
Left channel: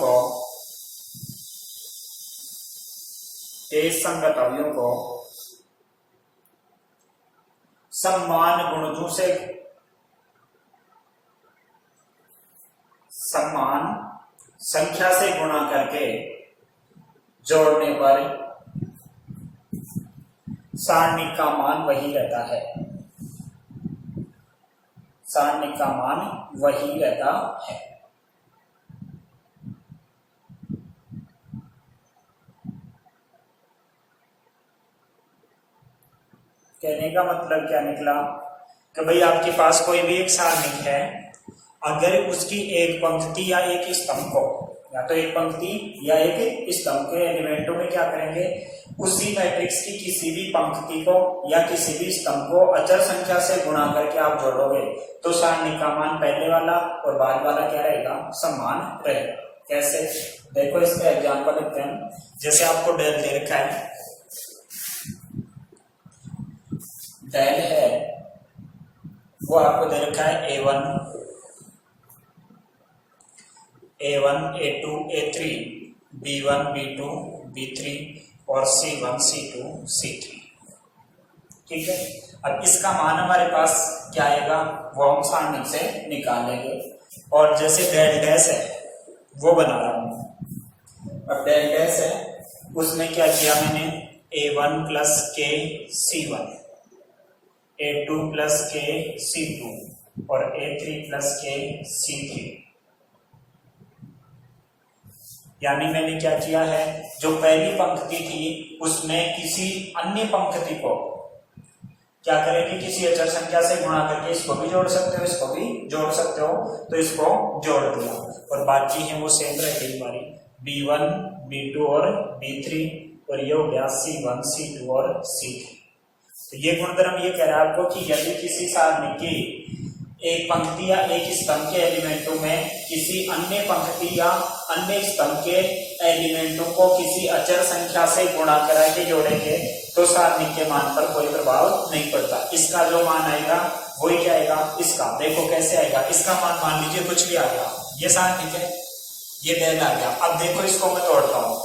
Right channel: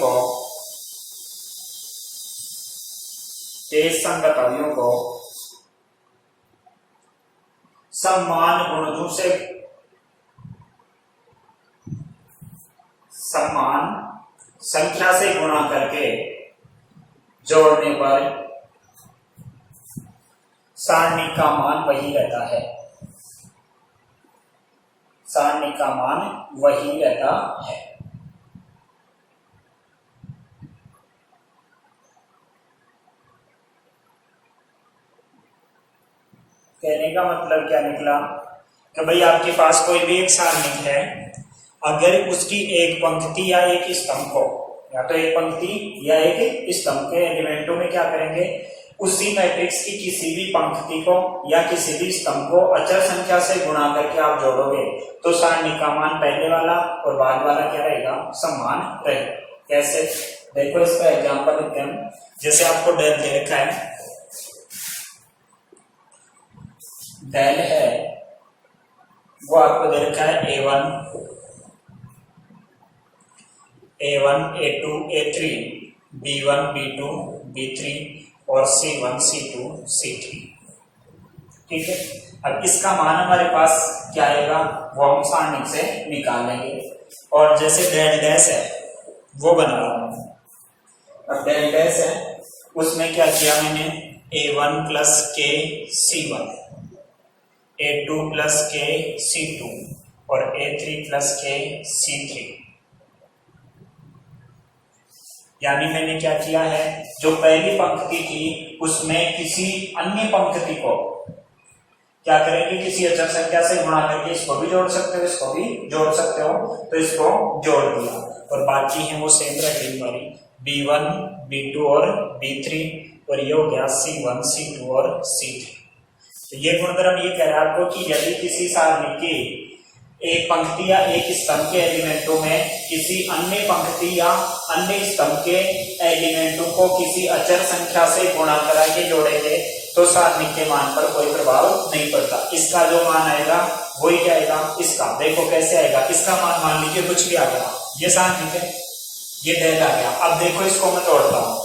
को समान संख्या से गुणा करके जोड़ने पर सारणी का मान वही रहता है। कहने का मतलब क्या निकला कि भाई आपके पास कोई भी एक सारणी है, अगर उसकी एक पंक्ति या एक स्तंभ को, या तो एक पंक्ति या एक स्तंभ के एलिमेंटों में क्या करेंगे, उसी मैट्रिक्स की किसी भी पंक्ति को या किसी भी स्तंभ को अचर संख्या से गुणा करके आप जोड़ोगे तो सारणी का मान पहले वाला और बाद वाला क्या रहेगा, समान रहेगा। कैसे, देखो इसका एग्जांपल लेते हैं। जैसे आपको डेल दे रखा है, डेल है वो आपको दे रखा है A1 A2 A3 B1 B2 B3 और C1 C2 C3। ठीक है, अब इसका मान हमारे पास क्या आएगा वो हम सारणी से निकालेंगे। और जैसे डेल डैश है वो बना रहा हूं। अब डेल डैश है उसमें क्या किया मैंने, A1 प्लस के C1, A2 प्लस के C2 और A3 प्लस के C3। यानी मैंने क्या किया है, जो पहली पंक्ति थी उसमें किसी अन्य पंक्ति को क्या करेंगे, किसी अचर संख्या से गुणा करके इसको भी जोड़ सकते हो, इसको भी जोड़ सकते हो, तो इसको जोड़ दिया और बाकी है वो सेम रहेगी हमारी B1 B2 और B3 और ये हो गया C1 C2 और C3। तो ये गुणधर्म ये कह रहा है आपको कि यदि किसी सारणी की एक पंक्ति या एक स्तंभ के एलिमेंटों में किसी अन्य पंक्ति या अन्य स्तंभ के एलिमेंटों को किसी अचर संख्या से गुणा करा के जोड़ेंगे तो सारणी के मान पर कोई प्रभाव नहीं पड़ता। इसका जो मान आएगा वही क्या आएगा, इसका देखो कैसे आएगा, इसका मान लीजिए कुछ भी आ गया, ये सारणी है, ये डेल आ गया। अब देखो इसको मैं तोड़ता हूं,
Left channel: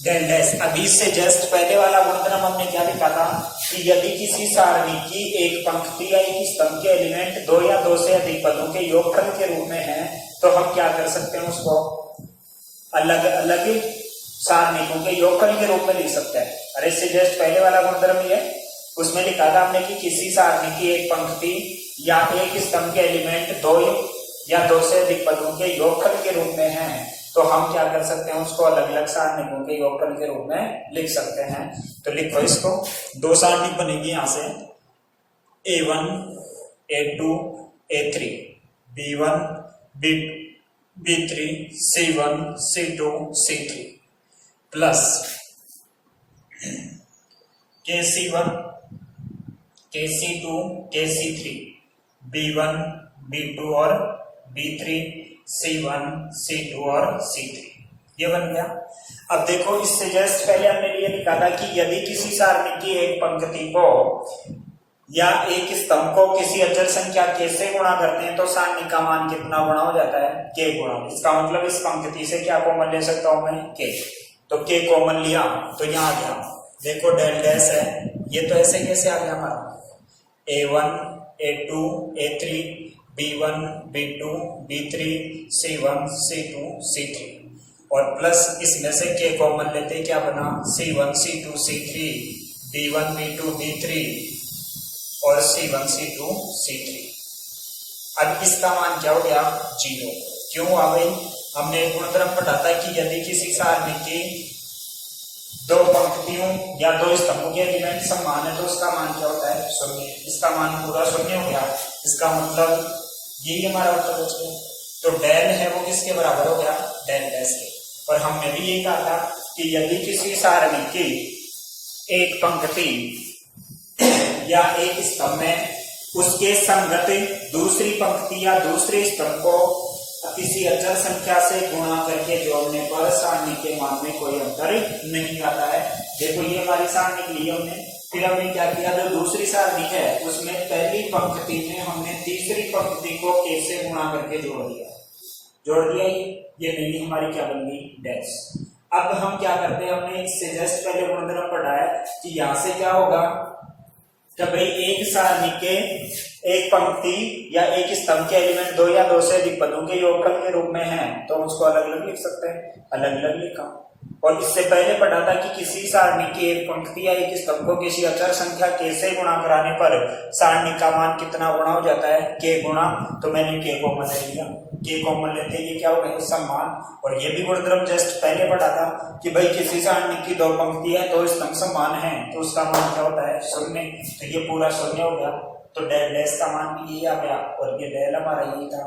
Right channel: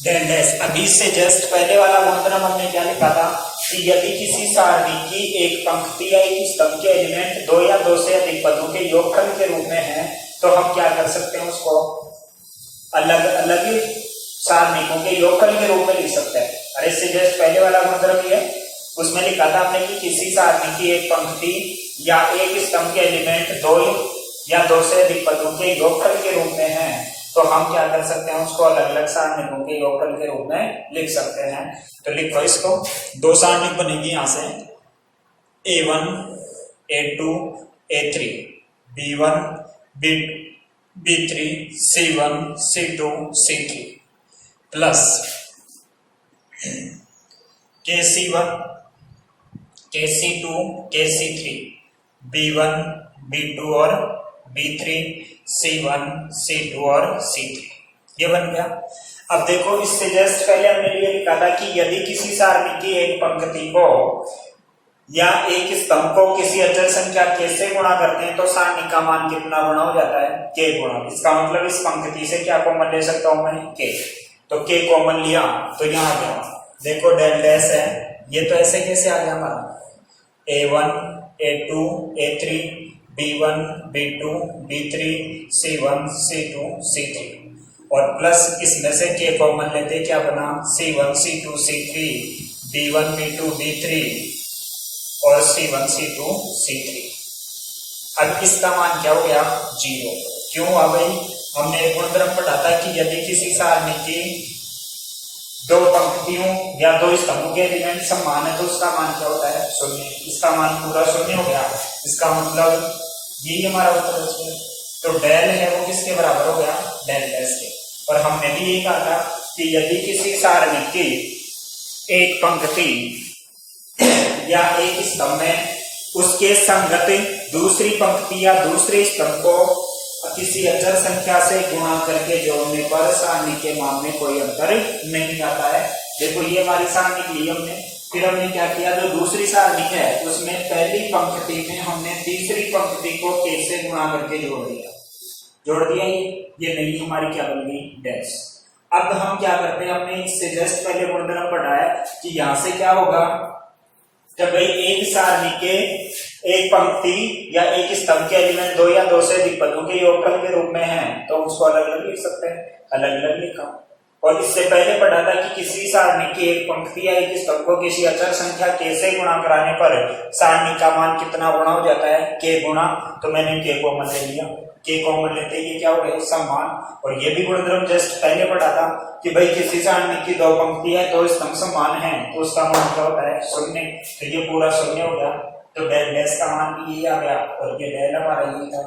डेल डैश। अभी से जस्ट पहले वाला गुणधर्म हमने क्या लिखा था कि यदि किसी सारणी की एक पंक्ति या एक स्तंभ के एलिमेंट दो या दो से अधिक पदों के योगफल के रूप में है तो हम क्या कर सकते हैं, उसको अलग अलग सारणिकों के योगफल के रूप में लिख सकते हैं। अरे इससे जस्ट पहले वाला गुणधर्म ये उसमें लिखा था हमने कि किसी सारणी की एक पंक्ति या एक स्तंभ के एलिमेंट दो या दो से अधिक पदों के योगफल के रूप में है तो हम क्या कर सकते हैं, उसको अलग अलग सारणिकों के योगफल के रूप में लिख सकते हैं। तो लिखो इसको, दो सारणिक बनेगी यहां से A1 A2 A3 B1 B3 C1 C2 C3 plus KC1 KC2 KC3 B1 B2 और B3 C1 C2 और C3, ये बन गया। अब देखो इससे जस्ट पहले हमने ये लिखा था कि यदि किसी सारणी की एक पंक्ति को या एक स्तंभ को किसी अचर संख्या k से गुणा करते हैं तो सारणी का मान कितना गुणा हो जाता है, k गुणा। इसका मतलब इस पंक्ति से क्या कॉमन ले सकता हूं मैं, k। तो k कॉमन लिया तो यहाँ आ गया, देखो डेल डैश है, ये तो ऐसे कैसे आ गया हमारा A1 A2 A3 B1 B2 B3 C1 C2 C3 और प्लस इसमें से k कॉमन लेते क्या बना, C1 C2 C3 B1 B2 B3 और C1 C2 C3। अब इसका मान क्या हो गया, 0। क्यों आ गई, हमने एक गुणधर्म पढ़ा था कि यदि किसी सारणी की दो पंक्तियों या दो स्तंभों के एलिमेंट समान है तो उसका मान क्या होता है, 0। इसका मान पूरा 0 हो गया, इसका मतलब यही हमारा उत्तर बच गया। तो डेल है वो किसके बराबर हो गया, डेल डैश के। और हमने भी ये कहा था कि यदि किसी सारणी की एक पंक्ति या एक स्तंभ में उसके संगत दूसरी पंक्ति या दूसरे स्तंभ को किसी अचर संख्या से गुणा करके जोड़ने पर सारणी के मान में कोई अंतर नहीं आता है। देखो ये हमारी सारणी ली हमने, फिर हमने क्या किया, जो दूसरी सारणी है उसमें पहली पंक्ति में हमने तीसरी पंक्ति को कैसे गुणा करके जोड़ दिया ये नहीं हमारी क्या बन गई, डैश। अब हम क्या करते हैं, हमने इससे जस्ट पहले गुणधर्म पढ़ा है कि यहां से क्या होगा कि भाई एक सारणी के एक पंक्ति या एक स्तंभ के एलिमेंट दो या दो से अधिक पदों के योगफल के रूप में है तो उसको अलग अलग लिख सकते हैं, अलग अलग लिखा। और इससे पहले पढ़ा था कि किसी सारणी की एक पंक्ति या एक स्तंभ को किसी अचर संख्या के से गुणा कराने पर सारणी का मान कितना गुणा हो जाता है, के गुणा। तो मैंने के कॉमन ले लिया, के कॉमन लेते ये क्या हो गया, उसका मान। और ये भी गुणधर्म जस्ट पहले पढ़ा था कि भाई किसी सारणी की दो पंक्ति है दो स्तंभ समान है तो उसका मान क्या होता है, शून्य। तो ये पूरा शून्य हो गया, तो डेल डैश का मान भी ये आ गया और ये डेल हमारा ये था,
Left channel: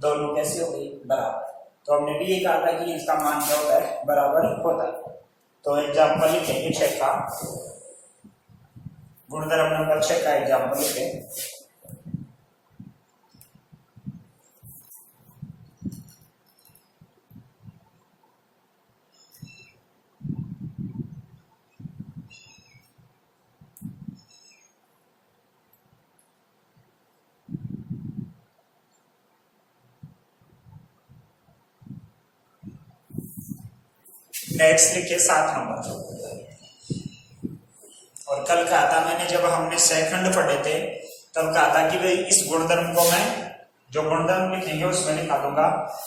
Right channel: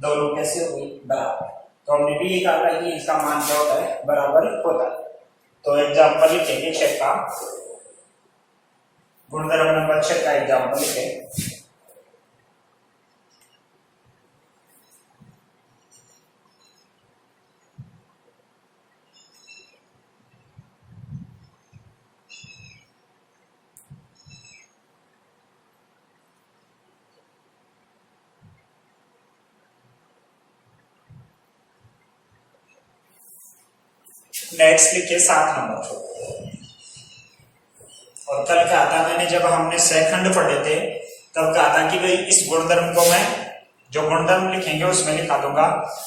दोनों कैसे हो गई, बराबर। तो हमने भी ये कहा था कि इसका मान क्या होता है, बराबर होता है। तो एग्जाम्पल लिखेंगे 6 का, गुणधर्म नंबर 6 का एग्जाम्पल लिखेंगे। नेक्स्ट लिखिए 7 नंबर। और कल क्या था, मैंने जब हमने सेकंड पढ़े थे तब कहा था कि भाई इस गुणधर्म को मैं जो गुणधर्म लिखेंगे उसमें लिखा दूंगा।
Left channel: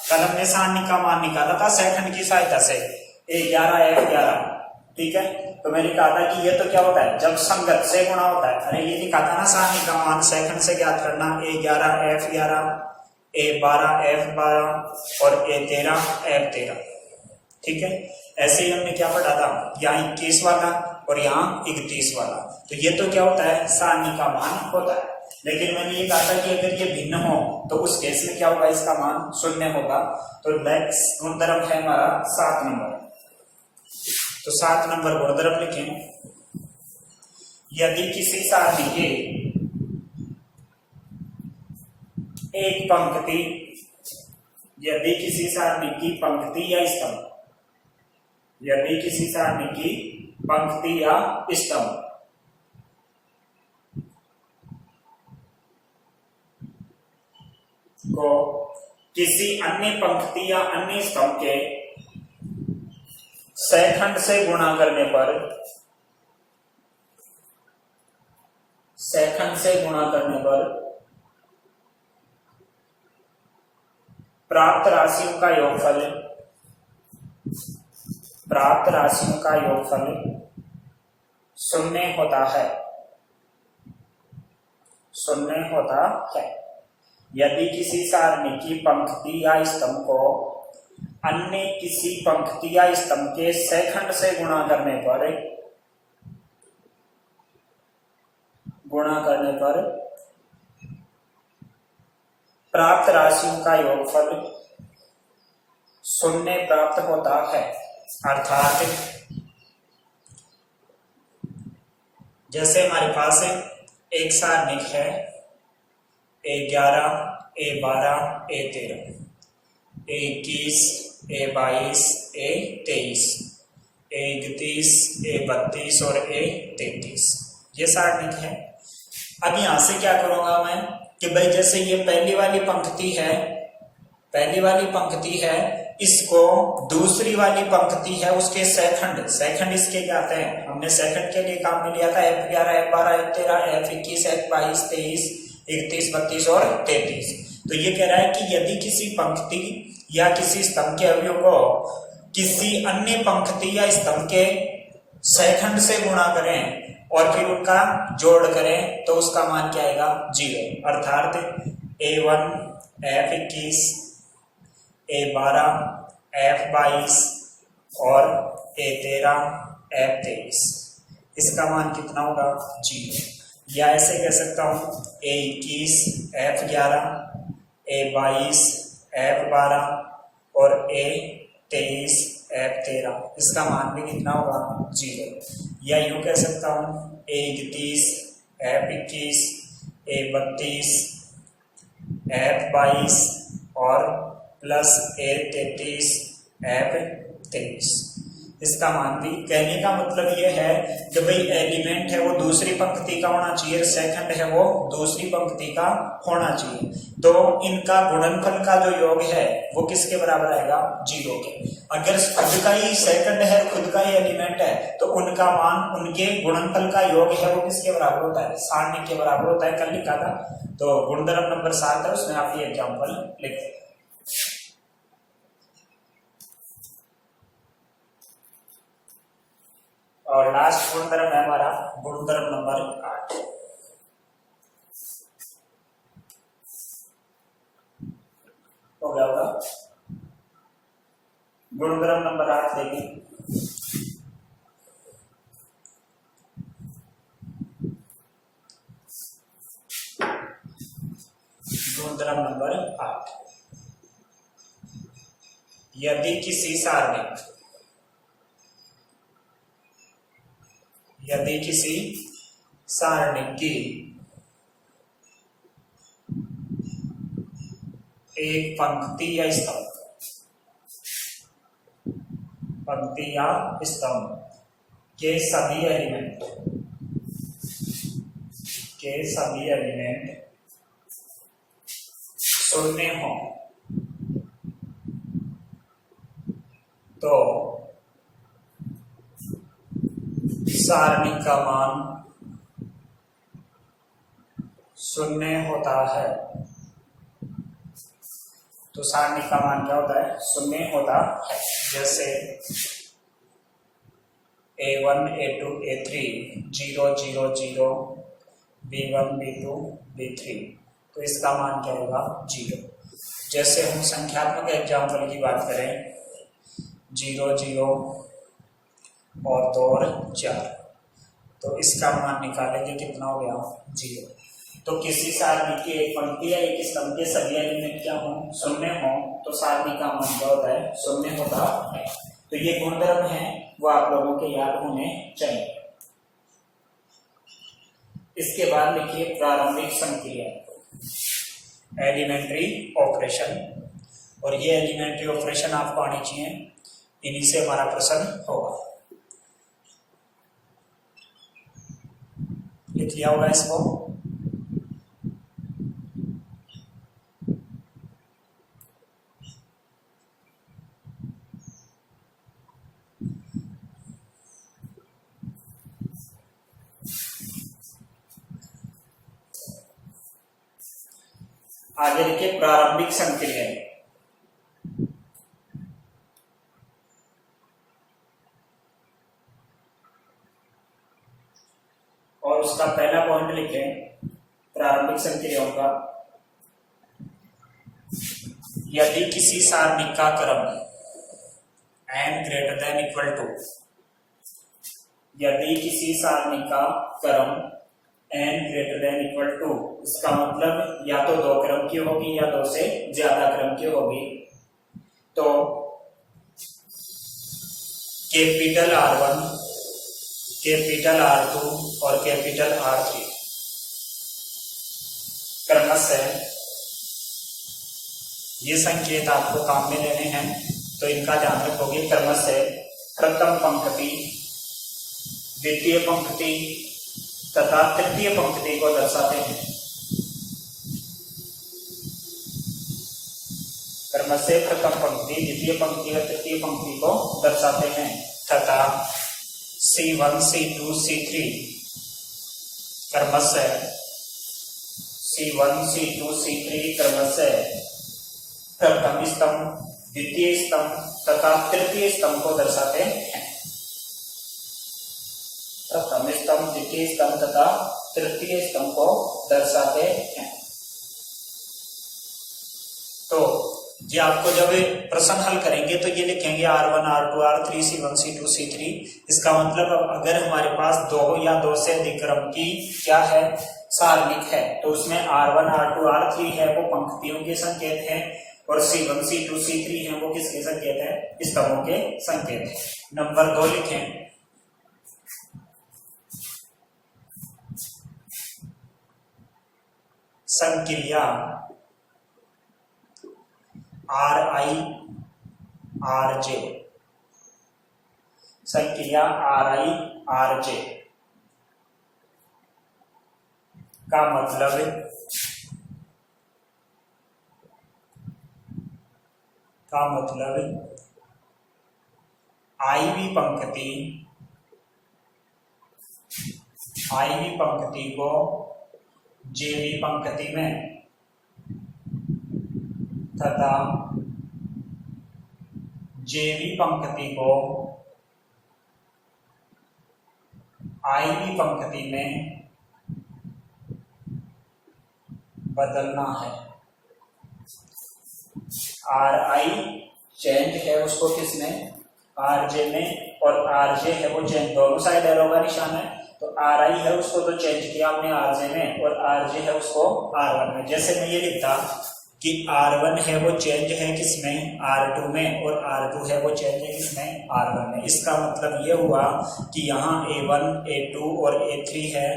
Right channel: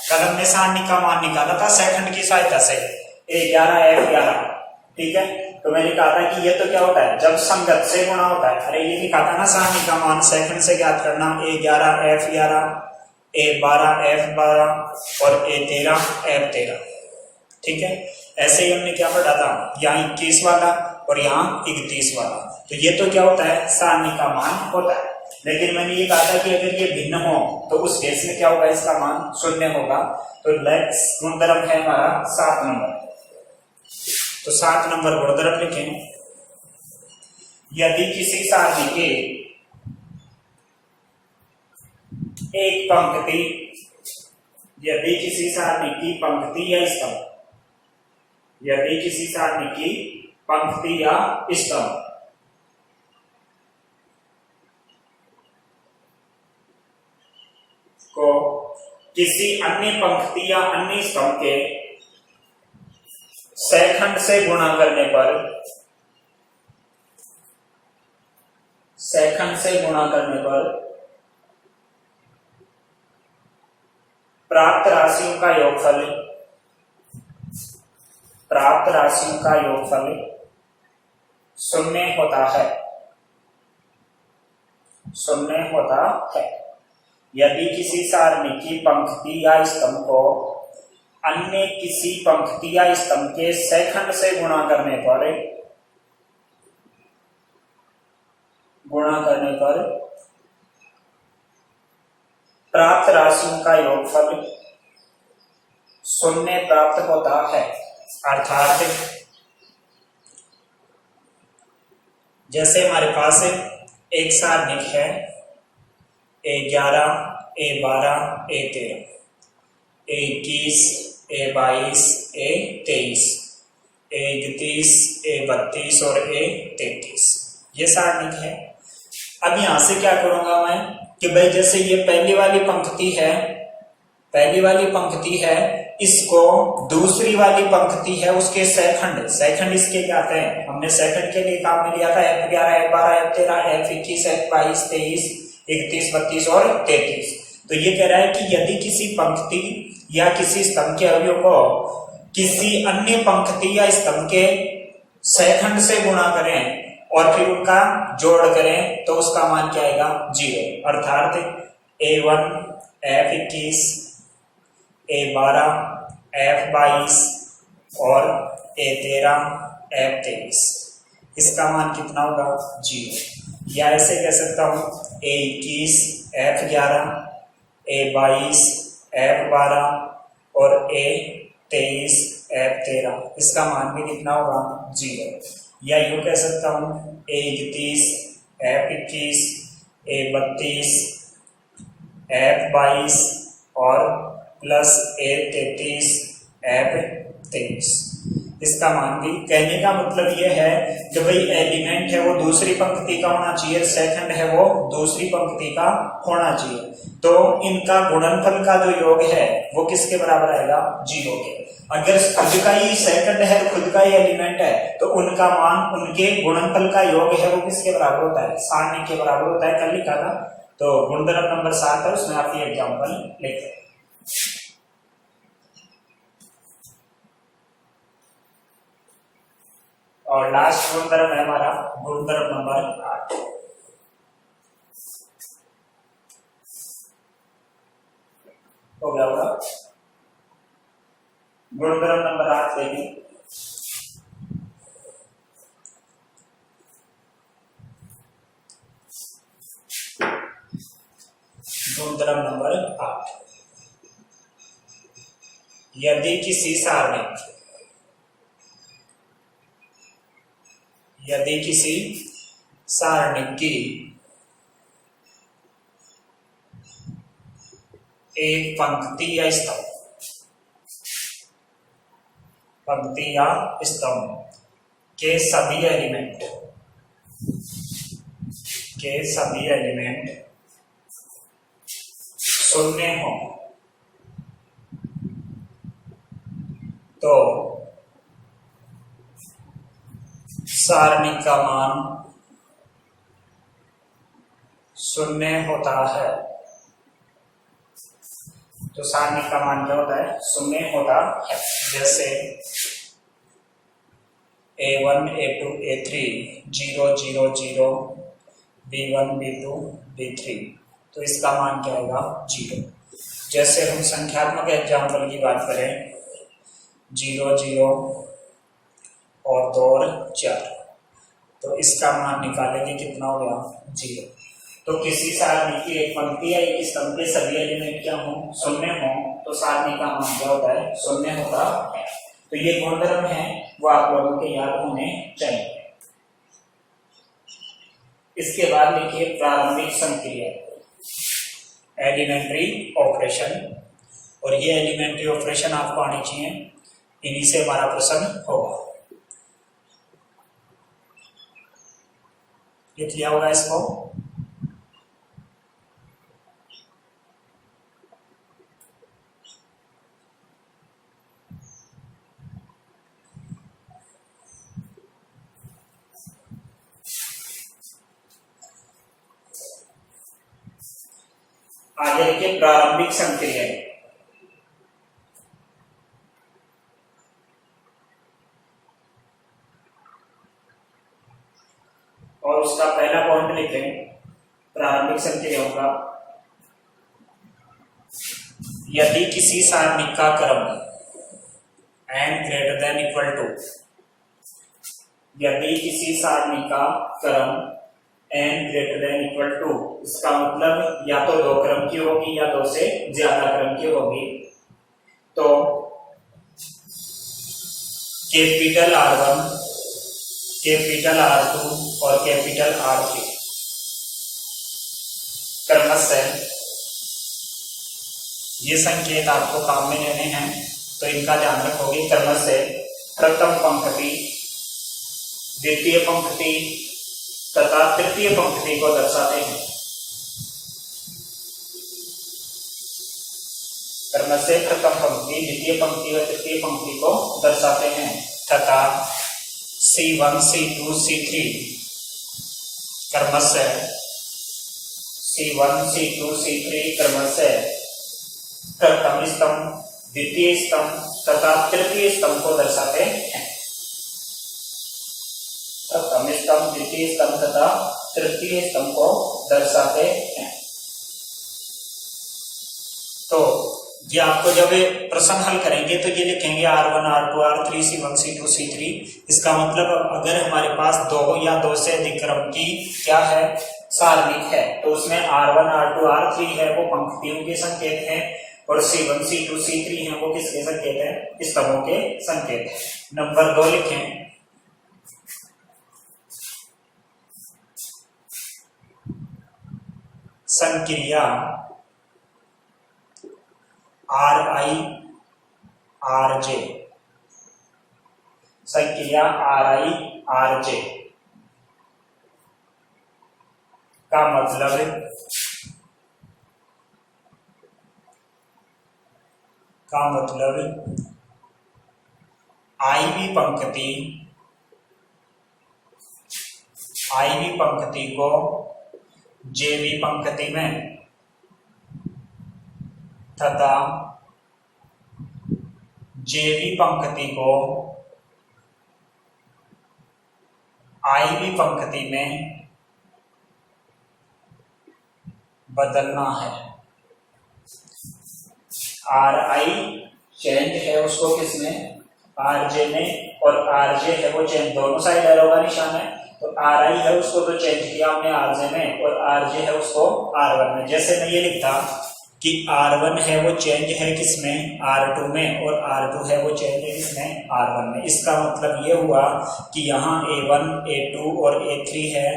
कल हमने सारणी का मान निकाला था सेकंड की सहायता से, A11 F11, ठीक है। तो मैंने कहा था कि ये तो क्या होता है, जब संगत से गुणा होता है। अरे ये लिखा था ना सारणी का मान सेकंड से ज्ञात करना, A11 F11, A12 F12 और A13 F13, ठीक है। ऐसे ही हमने क्या पढ़ा था, यहाँ 21 वाला और यहाँ 31 वाला। तो ये तो क्या होता है, सारणी का मान होता है। लेकिन मैंने ये कहा था कि अगर ये भिन्न हो तो उस केस में क्या होगा, इसका मान शून्य होगा। तो नेक्स्ट गुणधर्म है हमारा 7 नंबर। तो 7 नंबर गुणधर्म लिखें, यदि किसी सारणी के एक पंक्ति, यदि किसी सारणी की पंक्ति या स्तंभ, यदि किसी सारणी की पंक्ति या स्तंभ को किसी अन्य पंक्ति या अन्य स्तंभ के सेकंड से गुणा करने पर, सेकंड से गुणा करने पर प्राप्त राशियों का योगफल, प्राप्त राशियों का योगफल शून्य होता है, शून्य होता है। यदि किसी सारणी की पंक्ति या स्तंभ को अन्य किसी पंक्ति या स्तंभ के सेकंड से गुणा करने पर, प्राप्त राशियों का योगफल शून्य प्राप्त होता है। अर्थात जैसे हमारे पास एक सारणी है A11 A12 A13, A21 A22 A23, A31 A32 और A33, ये सारणी है। अब यहां से क्या करूंगा मैं कि भाई जैसे ये पहली वाली पंक्ति है, पहली वाली पंक्ति है, इसको दूसरी वाली पंक्ति है उसके सेकंड, सेकंड इसके क्या आते हैं, हमने सेकंड के लिए काम में लिया था F11 F12 F13 F21 F22 23 31 32 और 33। तो ये कह रहा है कि यदि किसी पंक्ति या किसी स्तंभ के अवयव को किसी अन्य पंक्ति या स्तंभ के सेकंड से गुणा करें और फिर उनका जोड़ करें तो उसका मान क्या आएगा, 0। अर्थात A1 F21 A12 F22 और A13 F23, इसका मान कितना होगा, 0। या ऐसे कह सकता हूं A21 F11 A22 F12 और A23 F13, इसका मान भी कितना होगा 0। या यूं कह सकता हूँ A31, F21, A32, F22 और प्लस A33, F23। इसका मान भी, कहने का मतलब ये है कि भाई एलिमेंट है वो दूसरी पंक्ति का होना चाहिए, सेकंड है वो दूसरी पंक्ति का होना चाहिए, तो इनका गुणनफल का जो योग है वो किसके बराबर आएगा 0 के। अगर खुद का ही सेकंड है, खुद का ही एलिमेंट है, तो उनका मान, उनके गुणनफल का योग है वो किसके बराबर होता है, सारणी के बराबर होता है। कल लिखा था, तो गुणधर्म नंबर 7 है, उसमें आप ये एग्जाम्पल लिखते हैं। और लास्ट गुणधर्म है हमारा गुणधर्म नंबर 8। हो गया होगा। गुणधर्म नंबर 8 देखिए, गुणधर्म नंबर 8, यदि किसी सारणिक, यदि किसी सारणिक की एक पंक्ति या स्तंभ, पंक्ति या स्तंभ के सभी एलिमेंट, के सभी एलिमेंट शून्य हो, तो सारणी का मान शून्य होता है। तो सारणी का मान क्या होता है, शून्य होता है। जैसे A1, A2, A3 0 0 0, B1, B2, B3, तो इसका मान क्या होगा 0। जैसे हम संख्यात्मक एग्जाम्पल की बात करें, 0 0 और 2 और 4, तो इसका मान निकालेंगे कितना हो गया 0। तो किसी सारणी की एक पंक्ति या एक स्तंभ के सभी एलिमेंट क्या हो, शून्य हो, तो सारणी का मान क्या होता है, शून्य होता है। तो ये गुणधर्म है वो आप लोगों के याद होने चाहिए। इसके बाद लिखिए प्रारंभिक संक्रिया, एलिमेंट्री ऑपरेशन, और ये एलिमेंट्री ऑपरेशन आपको आनी चाहिए, इन्हीं से हमारा प्रश्न होगा। लिख लिया होगा इसको। आगे लिखिए प्रारंभिक संक्रिया, और उसका पहला पॉइंट लिखें प्रारंभिक संक्रियाओं का, यदि किसी सारणी का क्रम n greater than equal to, यदि किसी सारणी का क्रम n greater than equal to, इसका मतलब या तो 2 क्रम की होगी या 2 से ज्यादा क्रम की होगी, तो कैपिटल R1, कैपिटल R2 और कैपिटल R3 क्रमशः, ये संकेत आपको काम में लेने हैं, तो इनका ध्यान रखोगे। क्रमशः प्रथम पंक्ति, द्वितीय पंक्ति तथा तृतीय पंक्ति को दर्शाते हैं। क्रमशः प्रथम पंक्ति, द्वितीय पंक्ति और तृतीय पंक्ति को दर्शाते हैं, तथा C1, C2, C3 क्रमशः C1, C2, C3 क्रमशः प्रथम स्तंभ, द्वितीय स्तंभ तथा तृतीय स्तंभ को दर्शाते हैं। प्रथम स्तंभ, द्वितीय स्तंभ तथा तृतीय स्तंभ को दर्शाते हैं। तो ये आपको जब प्रश्न हल करेंगे तो ये लिखेंगे R1, R2, R3, C1, C2, C3। इसका मतलब अगर हमारे पास 2 या 2 से अधिक क्रम की क्या है, सारणिक है, तो उसमें R1, R2, R3 है वो पंक्तियों के संकेत हैं, और C1 C2 C3 हैं वो किसके संकेत है? स्तंभों के संकेत है। नंबर 2 लिखें, संक्रिया RI RJ, संक्रिया RI RJ का मतलब IV पंक्ति को JV पंक्ति में तथा JV पंक्ति को IV पंक्ति में बदलना है। RI चेंज है उसको किसमें? RJ में, और RJ है वो चेंज दोनों साइड एरो का निशान है, तो RI है उसको तो चेंज किया हमने RJ में, और RJ है उसको R1 में। जैसे मैं ये लिखता कि R1 है वो चेंज है किसमें? R2 में, और R2 है वो चेंज है किसमें? R1 में। इसका मतलब ये हुआ कि यहाँ A1 A2 और A3 है,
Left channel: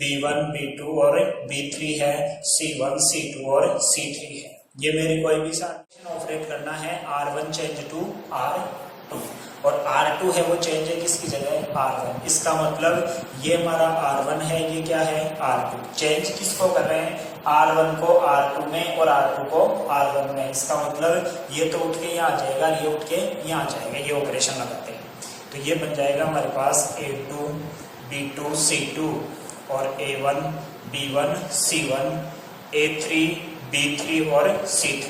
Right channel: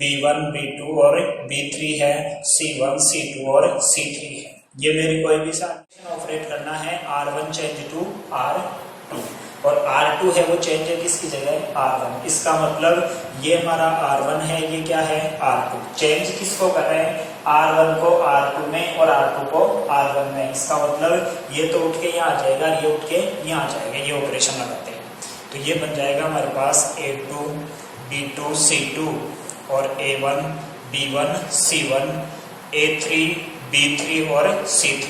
B1 B2 और B3 है, C1 C2 और C3 है। ये मेरी कोई भी ऑपरेट करना है R1 चेंज टू R2, और R2 है वो चेंज है किसकी जगह? R1। इसका मतलब ये हमारा R1 है, ये क्या है? R2। चेंज किसको कर रहे हैं? R1 को R2 में और R2 को R1 में। इसका मतलब ये तो उठ के यहाँ आ जाएगा, ये उठ के यहाँ आ जाएगा, ये ऑपरेशन लगाते हैं तो ये बन जाएगा हमारे पास A2 B2 C2 और A1 B1 C1 A3 B3 और C3।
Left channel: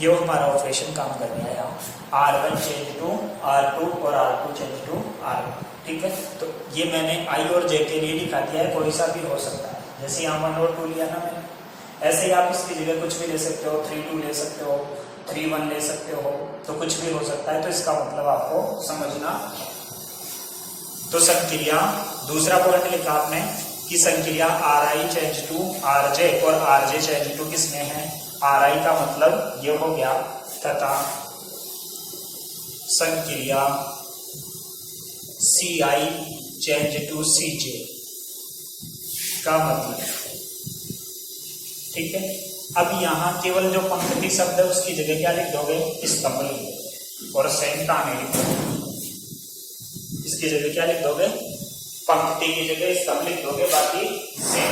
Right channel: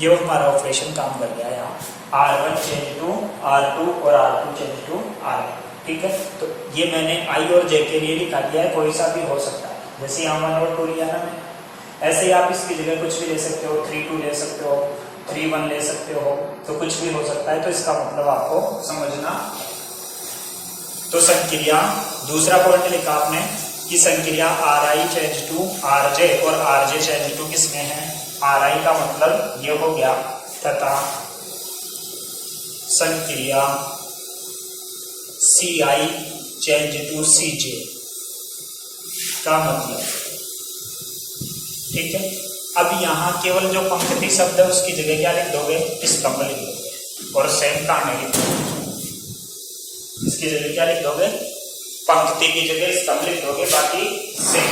ये हमारा ऑपरेशन काम कर गया यहाँ, R1 चेंज टू R2 और R2 चेंज टू R1। ठीक है, तो ये मैंने I और J के लिए लिखा दिया है, कोई सा भी हो सकता है। जैसे यहाँ 1 और 2 लिया ना मैंने, ऐसे ही आप इसकी जगह कुछ भी ले सकते हो, 3 2 ले सकते हो, 3 1 ले सकते हो, तो कुछ भी हो सकता है। तो इसका मतलब आपको समझना। तो संक्रिया, दूसरा पॉइंट लिखा आपने कि संक्रिया RI चेंज टू RJ और RJ चेंज टू किसमें है? RI का मतलब ये हो गया, तथा संक्रिया CI चेंज टू CJ का मतलब। ठीक है, अब यहाँ केवल जो पंक्ति शब्द है उसकी जगह क्या लिख दोगे? स्तंभ लिख दोगे, और सेम कहानी लिख दोगे। इसकी जगह क्या लिख दोगे? पंक्ति की जगह स्तंभ लिख दोगे, बाकी सेम।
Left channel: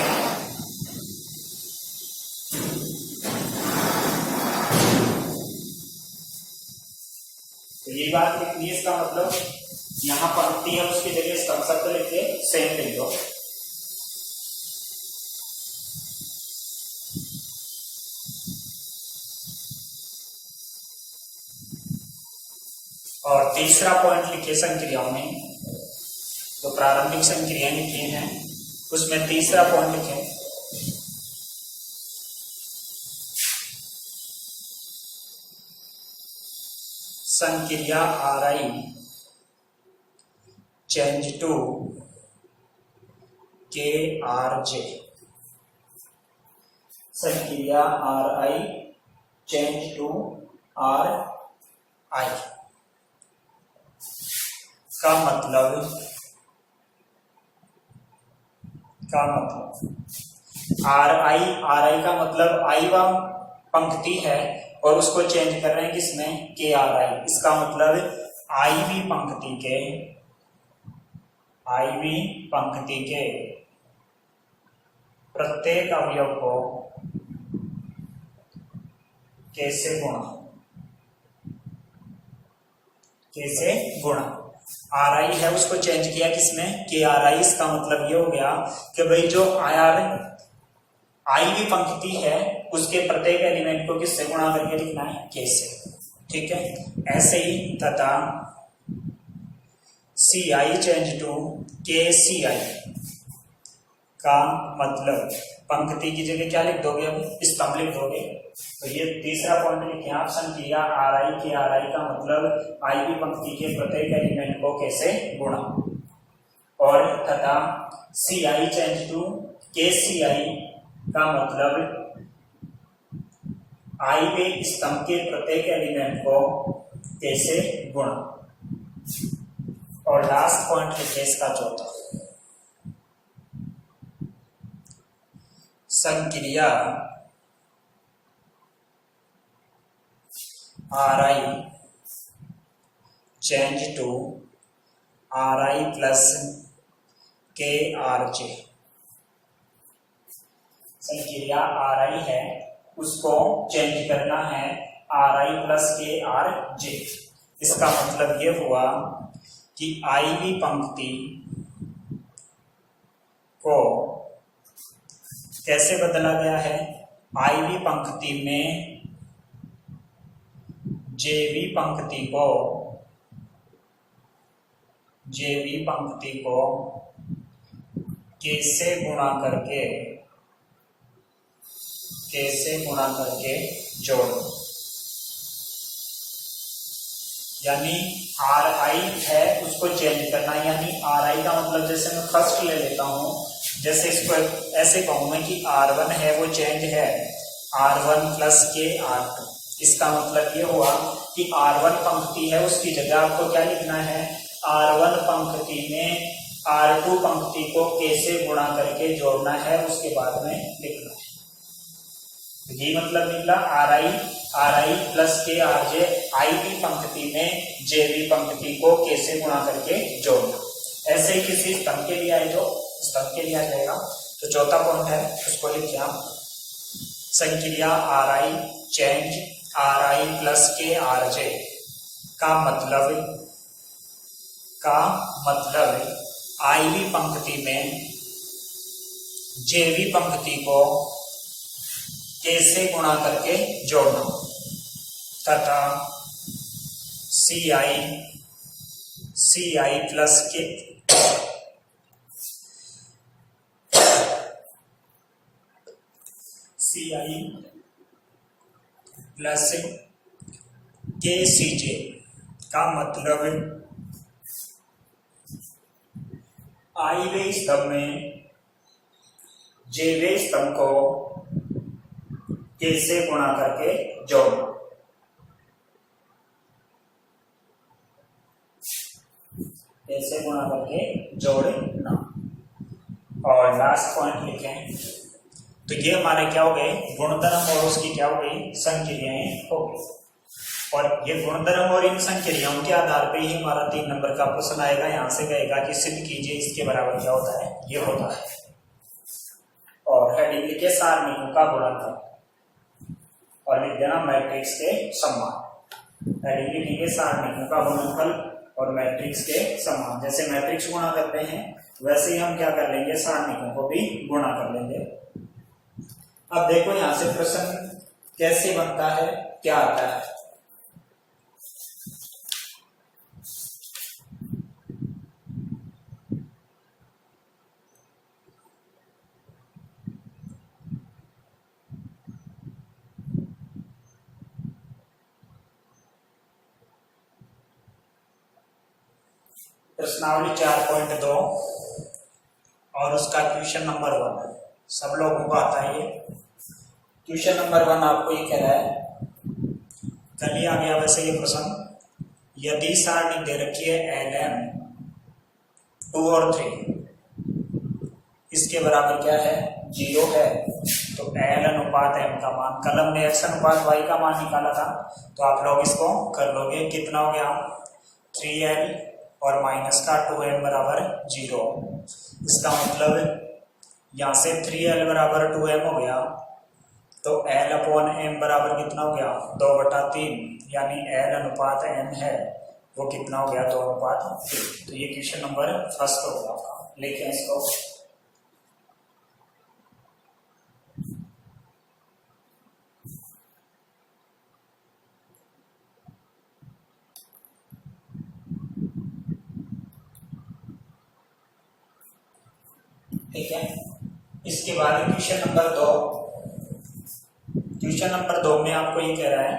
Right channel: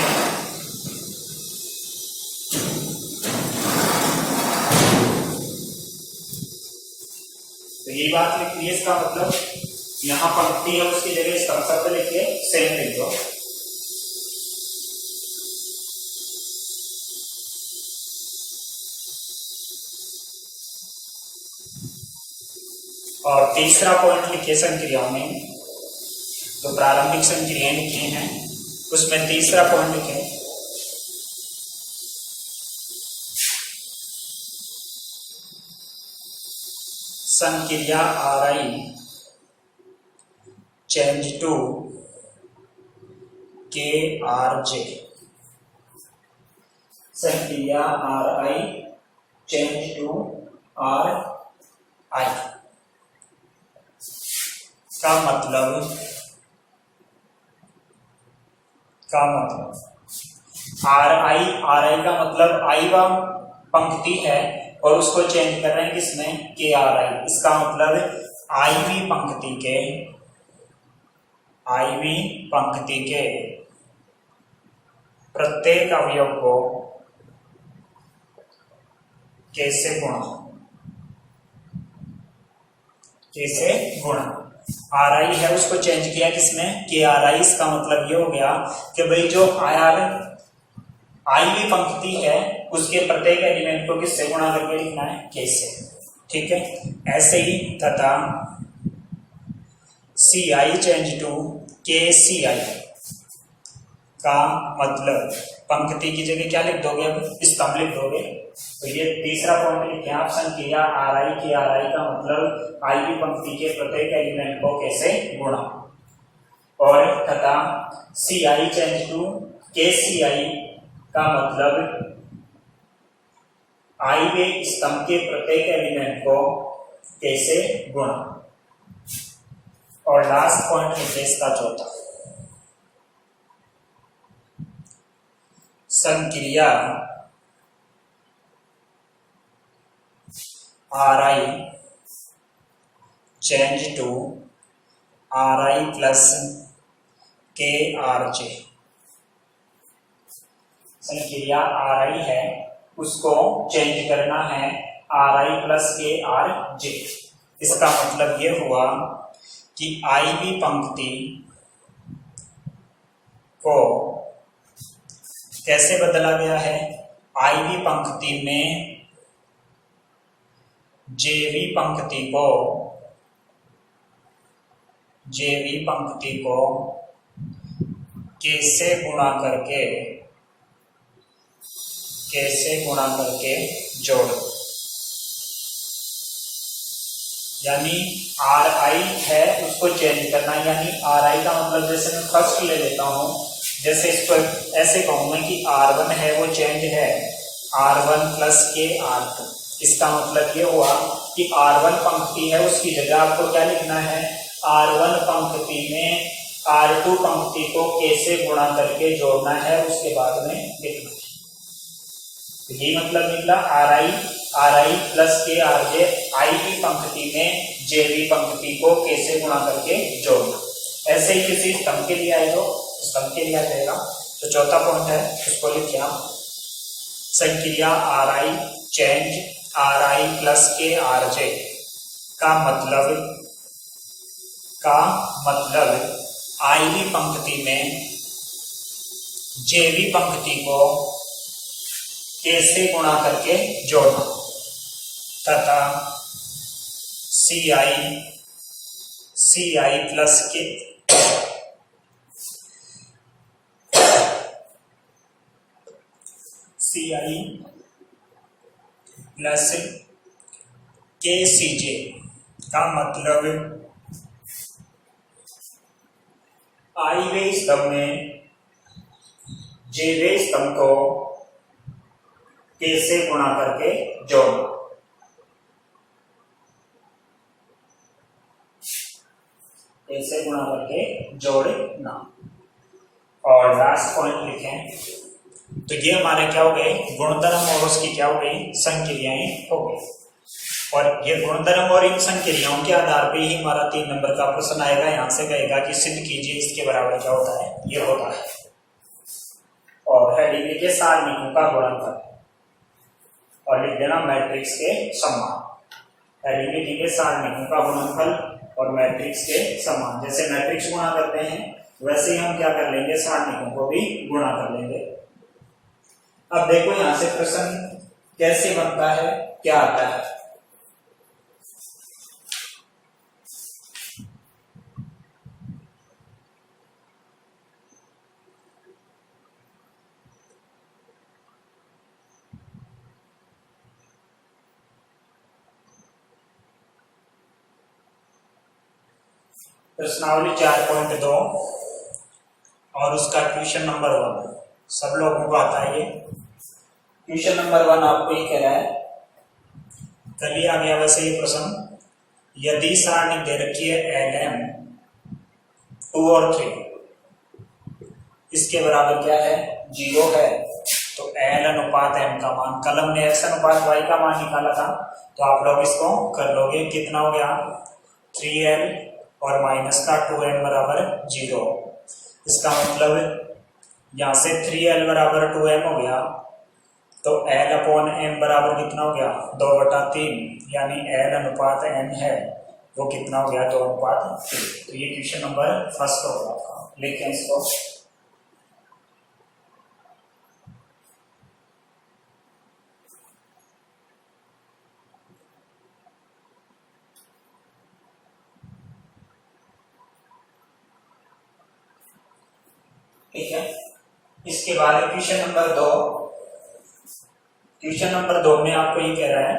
तो यही बात लिख ली। इसका मतलब यहाँ पंक्ति है उसकी जगह स्तंभ शब्द लिख के सेम लिख दो। और तीसरा पॉइंट लिखे संक्रियाओं में, तो प्रारंभिक संक्रियाएं लिखी हैं उसमें तीसरा पॉइंट लिखे संक्रिया RI चेंज टू KRJ, संक्रिया RI चेंज टू RI का मतलब RI का मतलब I वा पंक्ति है और उसको चेंज कर रहे हैं किसमें? KRI। इसका मतलब IV पंक्ति के प्रत्येक अवयव को कैसे गुणा। RI है उसको चेंज किया किसमें? KRI। इसका मतलब ये हो गया कि भाई जो IV पंक्ति है उसके प्रत्येक एलिमेंट को किससे गुणा करके लिखना है? K से। ठीक है, ऐसे ही तथा CI चेंज टू KCI का मतलब पंक्ति की जगह क्या लिख दोगे? अब स्तंभ लिख दोगे। तो ये तीसरा पॉइंट लिखे आप, संक्रिया RI का मतलब IV पंक्ति के प्रत्येक एलिमेंट को कैसे गुणा। और तथा CI चेंज टू KCI का मतलब आई वे स्तंभ के प्रत्येक एलिमेंट को कैसे गुणा। और लास्ट पॉइंट लिखे इसका चौथा, संक्रिया R I change to R I plus K R J. संक्रिया आर आई है, उसको चेंज करना है R I plus K R J. इसका मतलब ये हुआ कि आई वी पंक्ति को कैसे बदला गया है, आई वी पंक्ति में जेवी पंक्ति को कैसे गुणा करके जोड़ दो। यानी आर आई है उसको चेंज करना, यानी आर आई का मतलब जैसे मैं फर्स्ट ले लेता हूं, जैसे इसको ऐसे कहूं मैं कि R1 है वो चेंज है R1 प्लस के R2। इसका मतलब ये हुआ कि R1 पंक्ति है उसकी जगह आपको क्या लिखना है, R1 पंक्ति में R2 पंक्ति को कैसे गुणा करके जोड़ना है उसके बाद में लिखना है। यही मतलब निकला are I plus K R जे, आई की पंक्ति में जे वी पंक्ति को कैसे गुणा करके जोड़ना। ऐसे ही किसी स्तंभ के लिए आए तो स्तंभ के लिए आ जाएगा। तो चौथा पॉइंट है उसको लिखिए आप, संक्रिया R I change R I plus K R J का मतलब आई वी पंक्ति में जेवी पंक्ति को कैसे गुणा करके जोड़ना तथा सी आई प्लस के सी जे का मतलब आई वे स्तंभ में जेवे स्तंभ को कैसे गुणा करके जोड़ना। कैसे गुणा करके जोड़ना। और लास्ट पॉइंट लिखें, तो ये हमारे क्या हो गए, गुणधर्म और उसकी क्या हो गई, संक्रियाएं हो गई। और ये गुणधर्म और इन संक्रियाओं के आधार पे ही हमारा 3 नंबर का प्रश्न आएगा। यहां से कहेगा कि सिद्ध कीजिए इसके बराबर क्या होता है, ये होता है। और हेडिंग लिखे सारणिकों का गुणनफल और लिख देना मैट्रिक्स के समान। हेडिंग लिखेंगे सारणिकों का गुणनफल और मैट्रिक्स के समान। जैसे मैट्रिक्स गुणा करते हैं वैसे ही हम क्या कर लेंगे, सारणिकों को भी गुणा कर लेंगे। अब देखो यहां से प्रश्न कैसे बनता है, क्या आता है। प्रश्नावली 4.2 और उसका क्वेश्चन नंबर 1 सब लोगों को आता है। ये क्वेश्चन नंबर 1 आपको ये कह रहा है, कल ही आ गया वैसे ये प्रश्न, यदि सारणी दे रखी है LM 2 और 3 इसके बराबर क्या है, 0 है, तो L अनुपात M का मान, कल हमने X अनुपात Y का मान निकाला था, तो आप लोग इसको कर लोगे। कितना हो गया, 3L और माइनस का 2M बराबर 0। इसका मतलब यहाँ से 3L बराबर 2M हो गया, तो L अपॉन M बराबर कितना हो गया, 2/3, यानी L अनुपात M है वो कितना हो गया, 2/3। तो ये क्वेश्चन नंबर 1 होगा। लिखें इसको, ठीक है। इसके बाद क्वेश्चन नंबर 2। क्वेश्चन नंबर 2 में आपको ये कह रहा है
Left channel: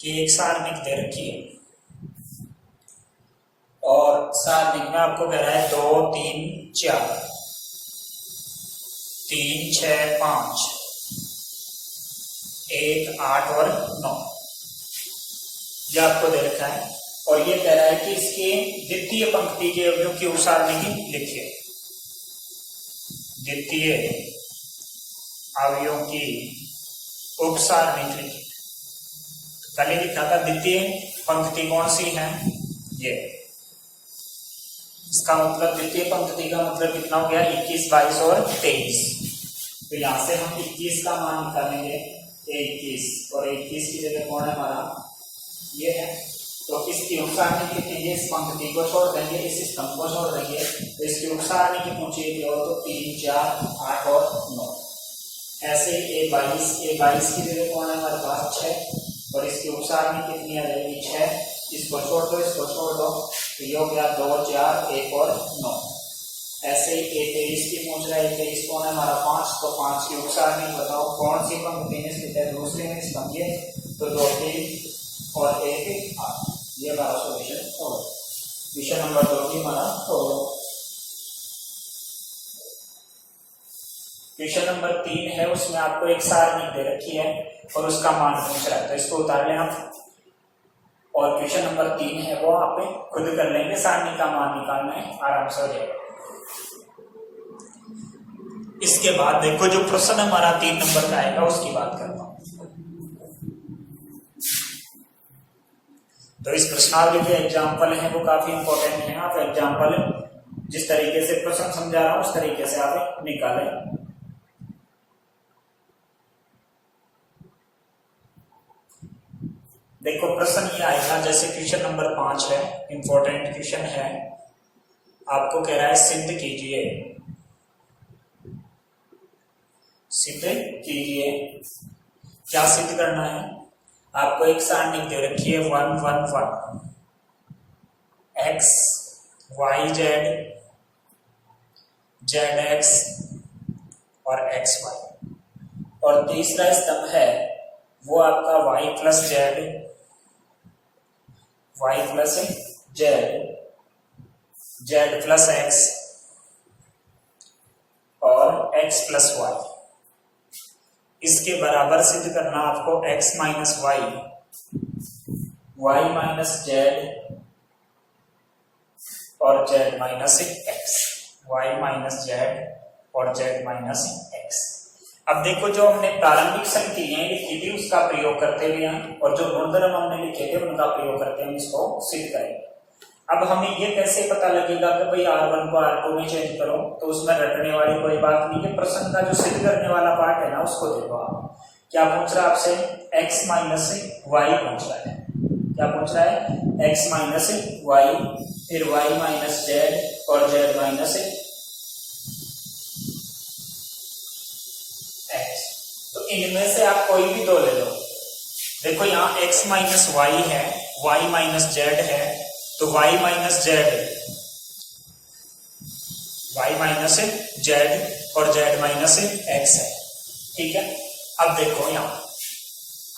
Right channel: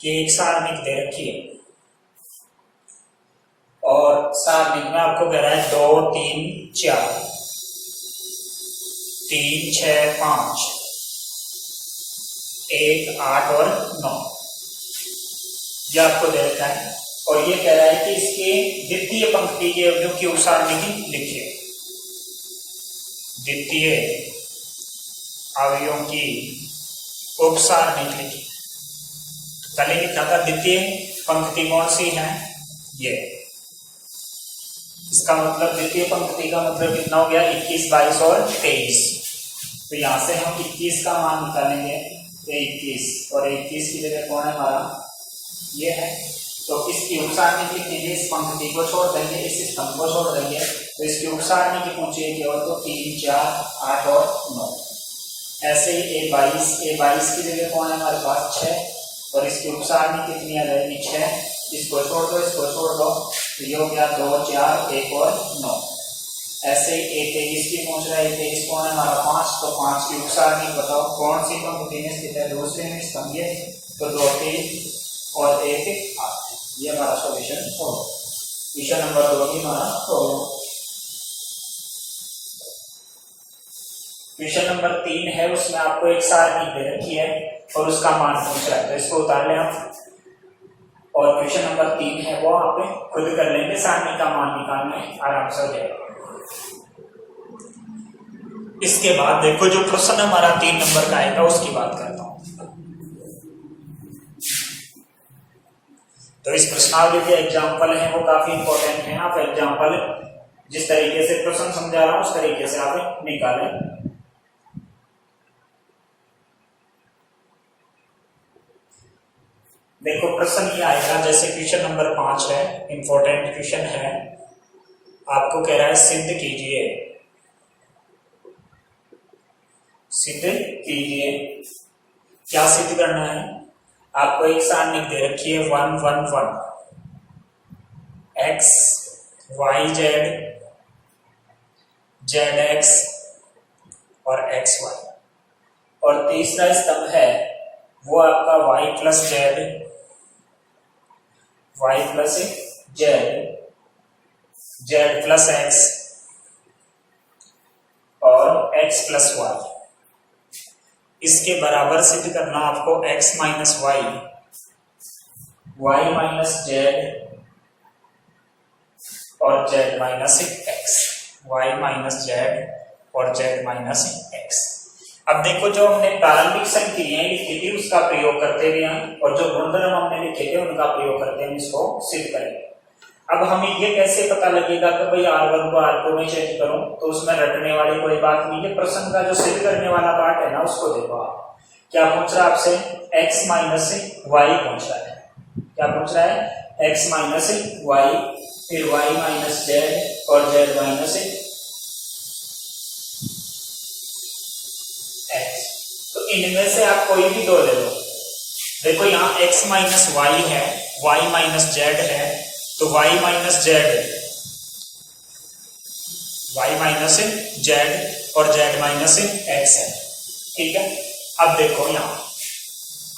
कि एक सारणिक दे रखी है और सारणिक में आपको कह रहा है 2 3 4 3 6 5 1, 8 और 9, ये आपको दे रखा है। और ये कह रहा है कि इसके द्वितीय पंक्ति के अवयव की उप सारणी लिखिए। द्वितीय अवयवों की उप सारणी लिखिए। कल ही लिखा था द्वितीय पंक्ति कौन सी है, ये। इसका मतलब द्वितीय पंक्ति का मतलब कितना हो गया, 21, 22 और 23। तो यहां से हम 21 का मान निकालेंगे, 21 और 21 की जगह कौन है हमारा, ये है। तो इसकी उप सारणी लिखेंगे, इस पंक्ति को छोड़ देंगे, इस स्तंभ को छोड़ देंगे, तो इसकी उप सारणी की पूछिए केवल तो 3, 4, 8 और 9। ऐसे A22 की जगह कौन है हमारे पास 6, और इसकी उप सारणी कितनी आ जाएगी 6। इसको छोड़ दो, इसको छोड़ दो, तो ये हो गया 2, 4, 1 और 9। ऐसे ही A23 की पूछ रहा है, 23 कौन है हमारा 5, तो 5 की उप सारणी बताओ कौन सी पंक्ति में स्थित है, दूसरे में स्तंभ, तो 2, 3 और 1, 8। ये हमारा सॉल्यूशन हो क्वेश्चन नंबर 2 की हमारा हो। क्वेश्चन नंबर 3 है, उसमें आपको एक सारणी दे रखी है और उसका मान पूछ रहा है, तो इसको उतार लें आप। और क्वेश्चन नंबर 3 है वो आप खुद कर लेंगे, सारणी का मान निकालना है, आराम से हो जाएगा। इसके बाद देखो जो प्रश्न हमारा 3 नंबर का आएगा उसकी बात करता हूं। तो इस प्रश्नावली के एग्जाम्पल हैं वो काफी इंपॉर्टेंट है। आप एग्जाम्पल जिस तरीके से प्रश्न समझा रहा हूं उस तरीके से आप निकालें। देखो प्रश्न ये आएगा, जैसे क्वेश्चन नंबर 5 है, इंपॉर्टेंट क्वेश्चन है। आपको कह रहा है सिद्ध कीजिए, सिद्ध कीजिए। क्या सिद्ध करना है, आपको एक सारणी दे रखी है 1, 1, 1, x, y, z, zx और xy, और तीसरा स्तंभ है वो आपका y plus z, y plus z, z plus x और x प्लस y। इसके बराबर सिद्ध करना आपको x minus y, y minus z और z minus x, y minus z और z माइनस x। अब देखो जो हमने प्रारंभिक संक्रियाएं लिखी थी उसका प्रयोग करते हुए और जो गुणधर्म हमने लिखे थे उनका प्रयोग करते हुए इसको सिद्ध करेंगे। अब हमें ये कैसे पता लगेगा कि भाई R1 को R2 में चेंज करो, तो उसमें रटने वाली कोई बात नहीं है। प्रश्न का जो सिद्ध करने वाला पार्ट है ना उसको देखो आप, क्या पूछ रहा है आपसे, x माइनस वाई पूछ रहा है। क्या पूछ रहा है, x माइनस वाई, फिर y माइनस जेड और z माइनस x। तो इनमें से आप कोई भी दो ले लो। देखो यहाँ x माइनस वाई है, y माइनस जेड है, तो y minus Z, y minus z और z माइनस x है, ठीक है। अब देखो यहाँ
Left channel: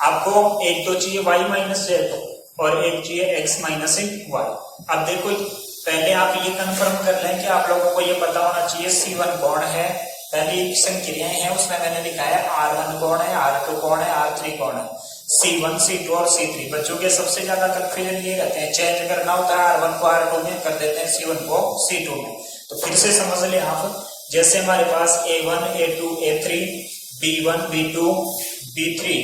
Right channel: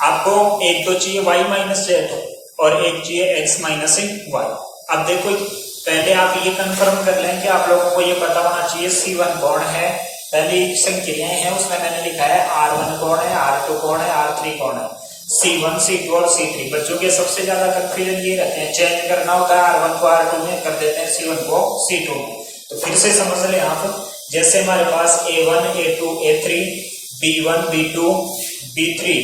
आपको एक तो चाहिए y माइनस जेड और एक चाहिए x माइनस वाई। अब देखो पहले आप ये कंफर्म कर लें कि आप लोगों को ये पता होना चाहिए C1 कौन है। पहली संख्याएं हैं उसमें मैंने लिखा है R1 कौन है, R2 कौन है, R3 कौन है, C1, C2 और C3। बच्चों के सबसे ज्यादा कंफ्यूजन ये रहते हैं, चेंज करना होता है R1 को R2 में, कर देते हैं C1 को C2 में। तो फिर से समझ लें आप, जैसे हमारे पास A1, A2, A3, B1, B2, B3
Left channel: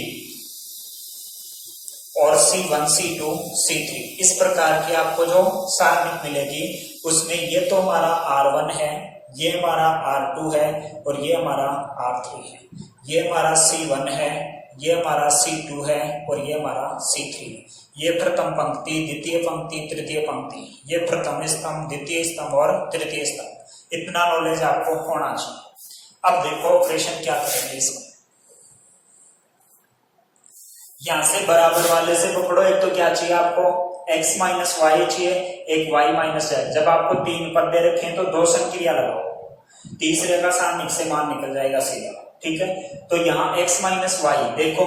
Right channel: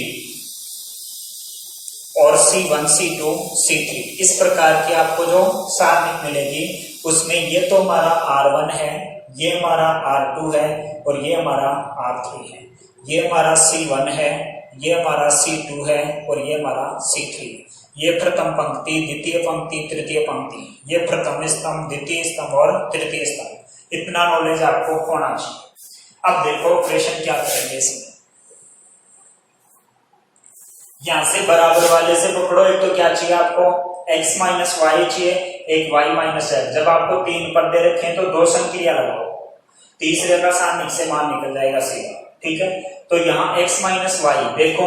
और C1, C2, C3, इस प्रकार की आपको जो सारणी मिलेगी उसमें ये तो हमारा R1 है, ये हमारा R2 है और ये हमारा R3 है, ये हमारा C1 है, ये हमारा C2 है और ये हमारा C3। ये प्रथम पंक्ति, द्वितीय पंक्ति, तृतीय पंक्ति, ये प्रथम स्तंभ, द्वितीय स्तंभ और तृतीय स्तंभ। इतना नॉलेज आपको होना चाहिए। अब देखो ऑपरेशन क्या करेंगे इसमें, यहां से बराबर वाले से पकड़ो। एक तो क्या चाहिए आपको, x माइनस वाई चाहिए, एक y माइनस जेड। जब आपको 3 पद दे रखे हैं तो 2 संक्रिया लगाओ, तीसरे का सारणी से मान निकल जाएगा सीधा, ठीक है। तो यहाँ x माइनस वाई, देखो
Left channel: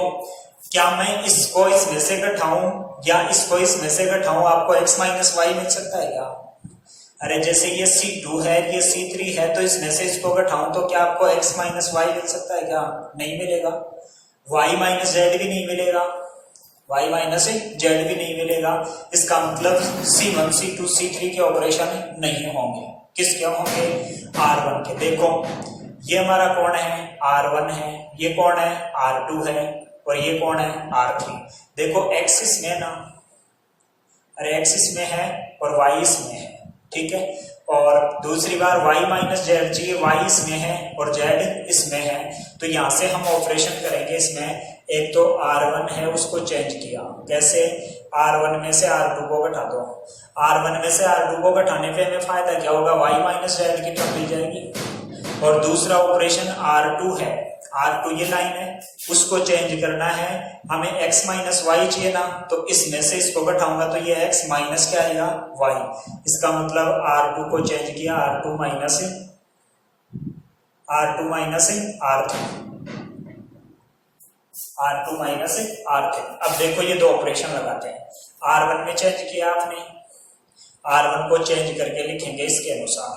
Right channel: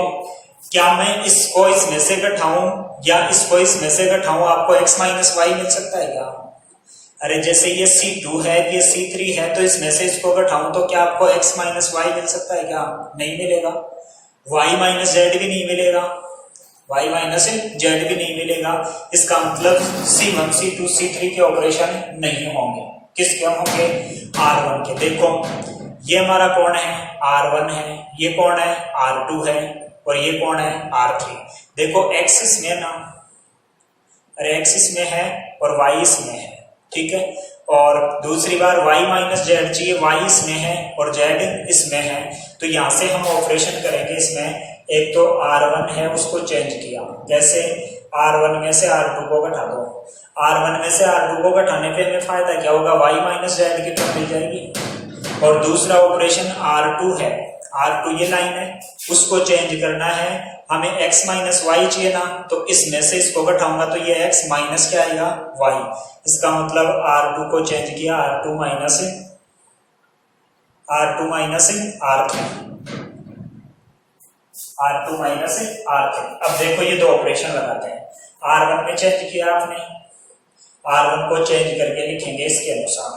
क्या मैं इसको इसमें से घटाऊं या इसको इसमें से घटाऊं, आपको x माइनस वाई मिल सकता है क्या? अरे जैसे ये C2 है, ये C3 है, तो इसमें से इसको घटाऊं तो क्या आपको x माइनस वाई मिल सकता है क्या? नहीं मिलेगा। y माइनस जेड भी नहीं मिलेगा, y माइनस जेड भी नहीं मिलेगा। इसका मतलब C1 C2 C3 के ऑपरेशन नहीं होंगे। किसके होंगे? R1 के। देखो ये हमारा कौन है? R1 है, ये कौन है? R2 है, और ये कौन है? R3। देखो x इसमें ना, अरे x इसमें है और y इसमें है, ठीक है। और दूसरी बार y माइनस जेड चाहिए, y इसमें है और z इसमें है, तो यहां से हम ऑपरेशन करेंगे इसमें। एक तो R1 है उसको चेंज किया, कैसे? R1 में से R2 को घटा दो। R1 में से R2 को घटाने पे हमें फायदा क्या होगा? y माइनस जेड की टर्म मिल जाएगी। और दूसरा ऑपरेशन R2 है, R2 ये लाइन है, उसको चेंज करना है हमें। x माइनस वाई चाहिए ना, तो इसमें से इसको घटाऊंगा तो ये x माइनस क्या आएगा? y। इसका मतलब R2 को चेंज किया, R2 minus R3, R2 minus R3। अब देखो ये दो ऑपरेशन लगाते हैं। R1 में चेंज किया आपने, R1 को चेंज करके लिखेंगे इसके अनुसार।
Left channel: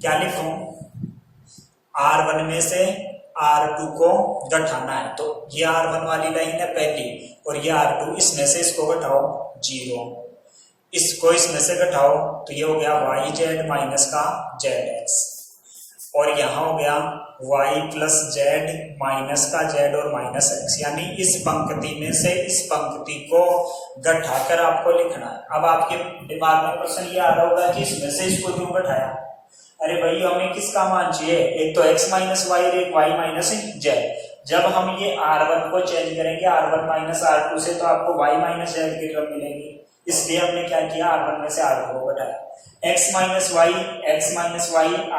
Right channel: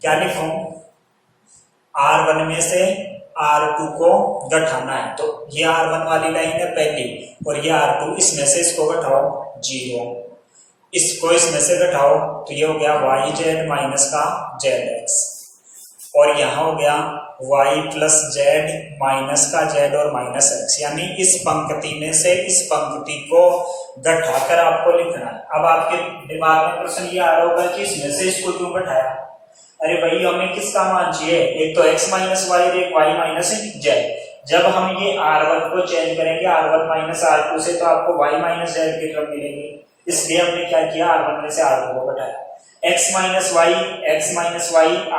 क्या लिखूं? R1 में से R2 को घटाना है, तो ये R1 वाली लाइन है पहली, और ये R2, इसमें से इसको घटाओ 0, इसको इसमें से घटाओ तो ये हो गया y जेड माइनस का zx, और यहाँ हो गया y प्लस जेड माइनस का z और माइनस x। यानी इस पंक्ति में से इस पंक्ति को घटाकर आपको लिखना है। अब आपके दिमाग में प्रश्न ये आ रहा होगा कि इसमें से इसको क्यों घटाया? अरे भाई हमें किसका मान चाहिए? एक तो x माइनस वाई और एक y माइनस जेड। जब हम ये R1 को चेंज करेंगे R1 माइनस R2 से, तो आपको y माइनस जेड की टर्म मिलेगी। इसलिए हमने क्या किया? R1 में से R2 को घटाया। x माइनस वाई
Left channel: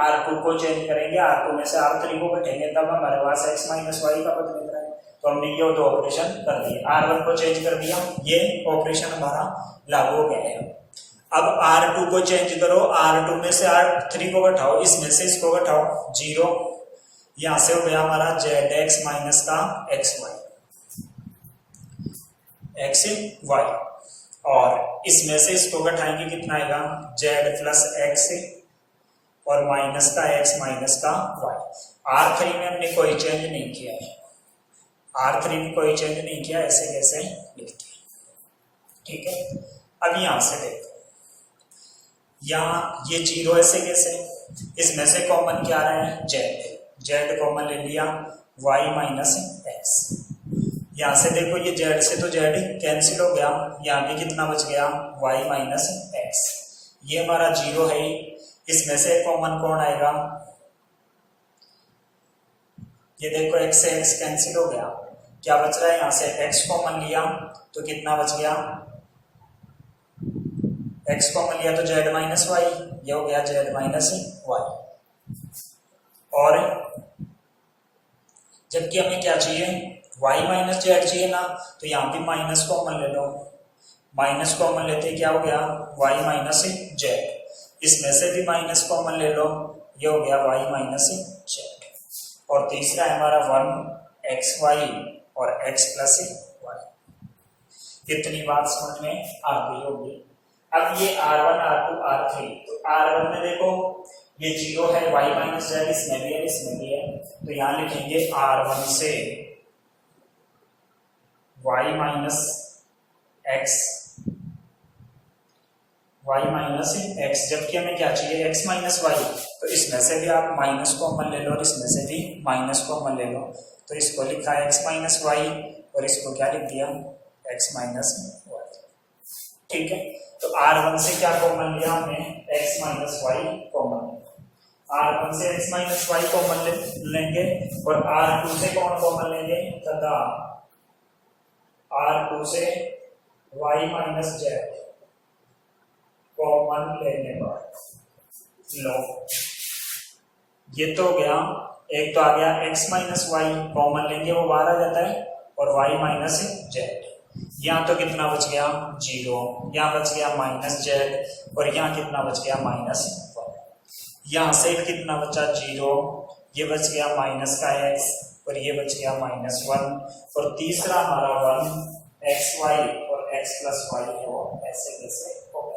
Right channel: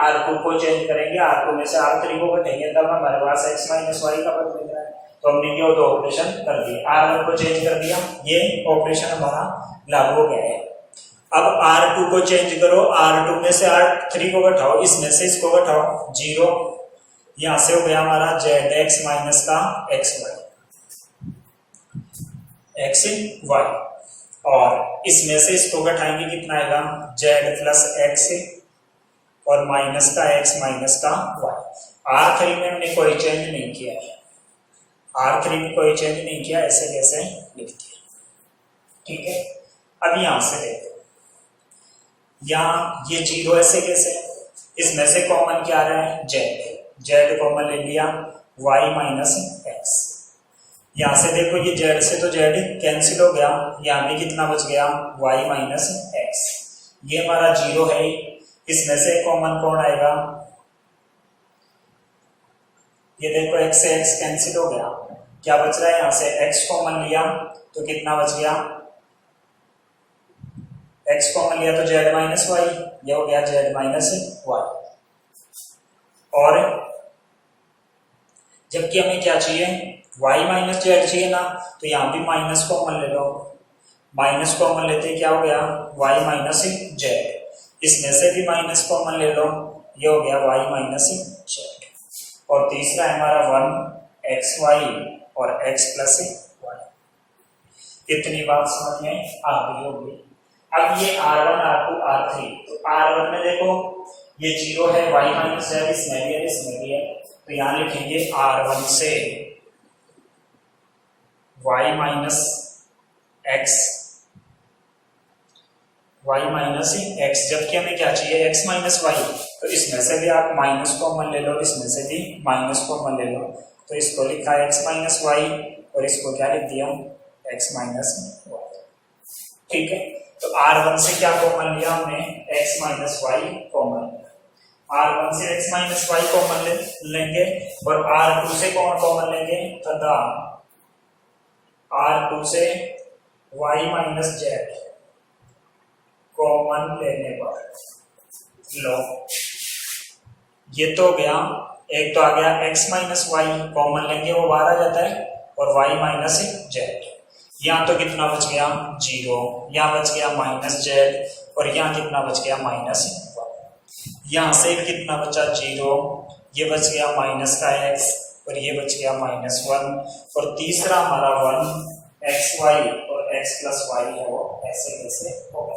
R2 को चेंज करेंगे, R2 में से R3 को घटाएंगे, तब हमारे पास x माइनस वाई का पद मिल रहा है। तो हमने ये दो ऑपरेशन कर दिए, R1 को चेंज कर दिया, ये ऑपरेशन हमारा लागू हो गया है। अब R2 को चेंज करो, R2 में से R3 को घटाओ, इसमें से इसको घटाओ 0, यहां से हो गया हमारा zx माइनस का xy, और इसमें से इसको घटाएंगे, कितना आएगा? z प्लस x और माइनस का x माइनस का y। R3 में हमने कोई चेंज नहीं किया है, R3 में कोई चेंज नहीं किया, ऐसे कैसे लिख दिया, ठीक है। अब यहां से देखो, यहाँ ये 0 ऐसे कैसे? इसमें से कॉमन क्या आ रहा है? z कॉमन ले लिया, y माइनस x। यहां से देखो ये z से तो z कैंसिल हो गया, यहाँ भी कितना बच गया? y minus x। ये हमारा 0 है, इसमें से कॉमन कौन आएगा? ये देखो x से x कैंसिल हो गया, क्या बच रहा है? यहाँ से x कॉमन लिया तो कितना बच गया? x कॉमन लिया तो z माइनस वाई, यह हो गया z माइनस वाई। और जबकि हमें क्या चाहिए? y माइनस जेड चाहिए ना, तो यहाँ भी माइनस कॉमन ले लो, माइनस कॉमन लेते क्या हो गया? y minus Z. इसमें से भी माइनस कॉमन ले लो, ये हो गया y माइनस जेड। और तीसरा है हमारा 1xy और x प्लस वाई। इतनी बात समझ में आ गई होगी। अब ये R1 R2 R3, तो R1 में देखो ये 0 है, y माइनस जेड इसमें भी है, इसमें भी है, तो यहाँ लिखेंगे R1 से y माइनस x, जबकि हमें क्या चाहिए? x माइनस वाई, तो इसमें से भी आप माइनस कॉमन ले लो, इसमें से भी माइनस कॉमन ले लो, तो इसको लिखा x माइनस वाई और इसको क्या लिख दिया? x माइनस वाई, ठीक है। तो R1 से क्या कॉमन लिया हमने? x minus Y common. R1 से x माइनस वाई कॉमन लेंगे, और R2 से कौन कॉमन लेंगे? तथा R2 से y माइनस जेड कॉमन लेने पर लो, ये तो हो गया। एक तो आ गया x माइनस वाई, कॉमन लेंगे वो बाहर आ जाता है, और y माइनस जेड। यहाँ तो कितना बच गया? 0, यहाँ बच गया माइनस जेड, और यहाँ कितना बच गया? Minus y. यहाँ से कितना बचा? 0, ये बच गया माइनस का x, और ये बच गया माइनस 1, और तीसरा हमारा 1xy और x प्लस वाई है, वो ऐसे कैसे होगा?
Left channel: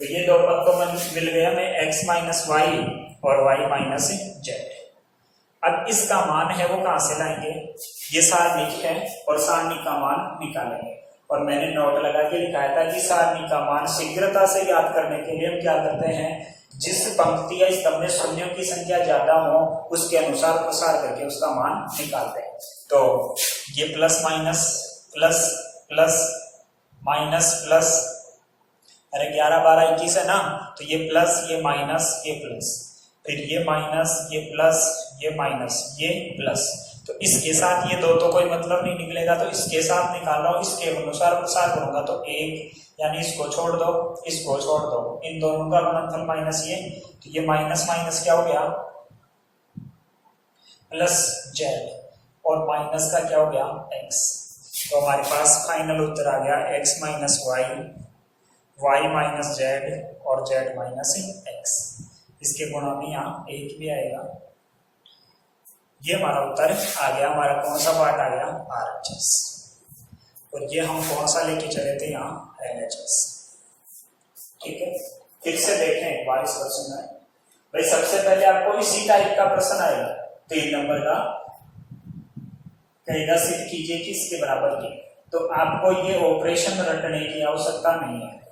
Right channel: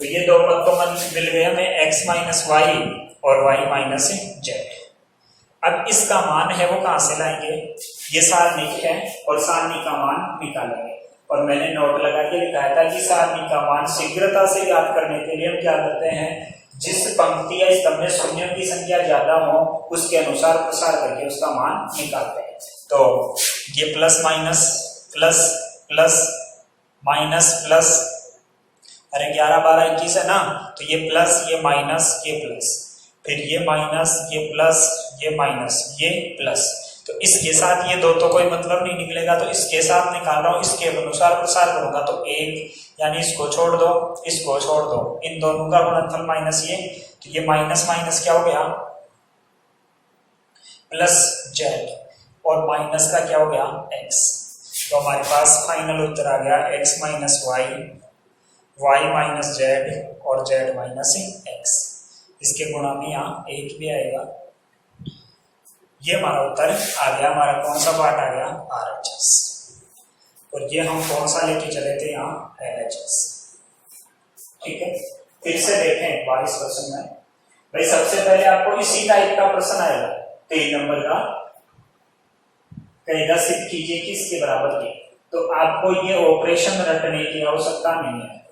तो ये दो पद तो मिल गए हमें, x माइनस वाई और y माइनस जेड। अब इसका मान है वो कहां से लाएंगे, ये सारणिक है और सारणी का मान निकालेंगे। और मैंने नोट लगा के लिखाया था कि सारणी का मान शीघ्रता से याद करने के लिए हम क्या करते हैं, जिस पंक्ति या स्तंभ में शून्यों की संख्या ज्यादा हो उसके अनुसार प्रसार करके उसका मान निकालते हैं। तो ये plus minus plus plus minus plus, अरे 11 12 21 है ना, तो ये प्लस ये माइनस ये प्लस, फिर ये माइनस ये प्लस ये माइनस ये प्लस। तो इसके साथ ये दो तो कोई मतलब नहीं निकलेगा, तो इसके साथ निकाल रहा हूं, इसके अनुसार प्रसार करूंगा तो 1, यानी इसको छोड़ दो इसको छोड़ दो, इन दोनों का गुणनफल माइनस ये, तो ये माइनस माइनस क्या हो गया प्लस जेड, और माइनस का क्या हो गया एक्स। तो हमारे पास फाइनल उत्तर आ गया x minus y, y minus z और जेड माइनस एक्स। इसके गुणा में यहाँ 1 भी आएगा। ये हमारा उत्तर आ गया। हमारा कौन सा पार्ट आ गया RHS, और ये हम कौन सा लेके चले थे यहाँ LHS। ठीक है, फिर से देखें एक बार इस क्वेश्चन में। भाई सबसे पहले आपको इसी टाइप का प्रश्न आएगा 3 नंबर का, कहेगा सिद्ध कीजिए कि इसके बराबर की, तो आपको ये ऑपरेशन रटने की आवश्यकता नहीं है।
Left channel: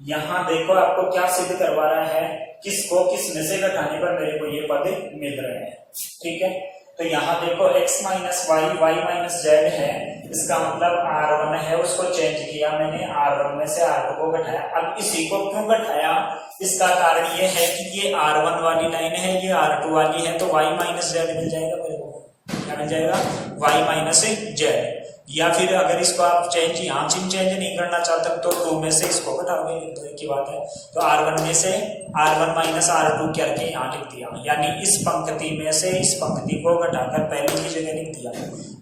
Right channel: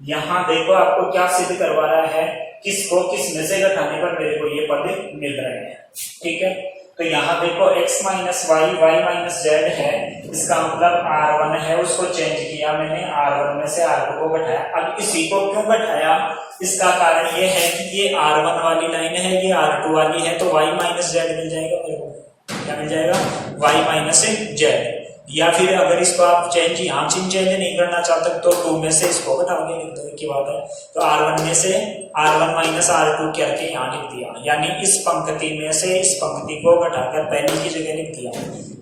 यहां देखो आपको क्या सिद्ध करवा रहा है, किसको किस में से घटाने पर मेरे को ये पद मिल रहे हैं। ठीक है, तो यहाँ देखो x minus y y minus z है, इसका मतलब R1 है, उसको चेंज किया मैंने, R1 में से R2 को घटाया। अब इसी को क्यों घटाया, इसका कारण ये है कि ये R1 वाली लाइन है, ये R2 वाली है, तो y माइनस जेड मिल जाएगा मेरे को। क्या मिल जाएगा y माइनस जेड। या फिर अगर इसको आप चेंज यहाँ चेंज नहीं करना चाहते तो 2 में से इसको घटाओगे, लिख दो की बात है। तो R1 में से R1 माइनस R2 करके यहाँ लिख दिया, यानी इस पंक्ति में से इस पंक्ति को घटाकर पहले की जगह लिख दिया।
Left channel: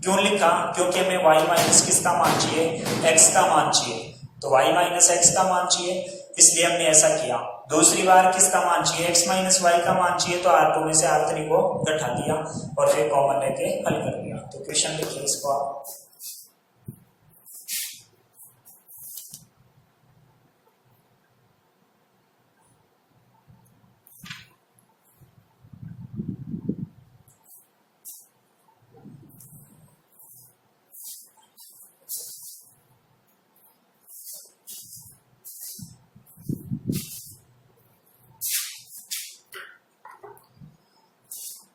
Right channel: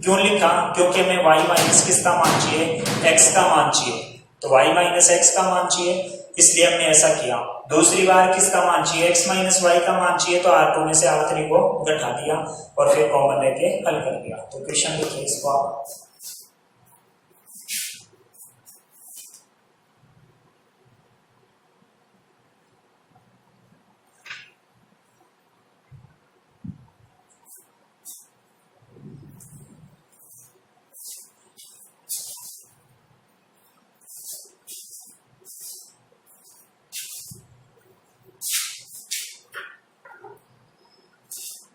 क्यों लिखा, क्योंकि मैं y माइनस किसका मान चाहिए, x का मान चाहिए, तो y माइनस x का मान चाहिए, इसलिए हमने ऐसा किया। दूसरी बार किसका मान चाहिए, x माइनस वाई का मान चाहिए, तो R2 में से R3 को घटा दिया और फिर कॉमन लेके हल कर दिया। तो क्वेश्चन लिखिए इसको आप।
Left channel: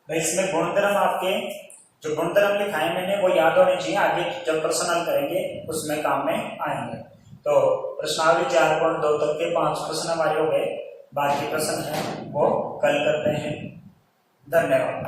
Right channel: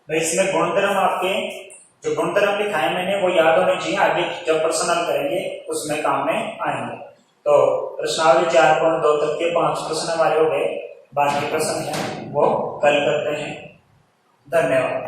भाई इसमें गुणधर्म आपके जो गुणधर्म लिखाए मैंने वो याद होने चाहिए, आगे जब प्रश्न हल करेंगे उसमें काम में आएंगे। तो प्रश्नावली 4.2 तक के 5 प्रश्न हमारे हो गए, बाकी प्रश्न है वो कल करते हैं। धन्यवाद।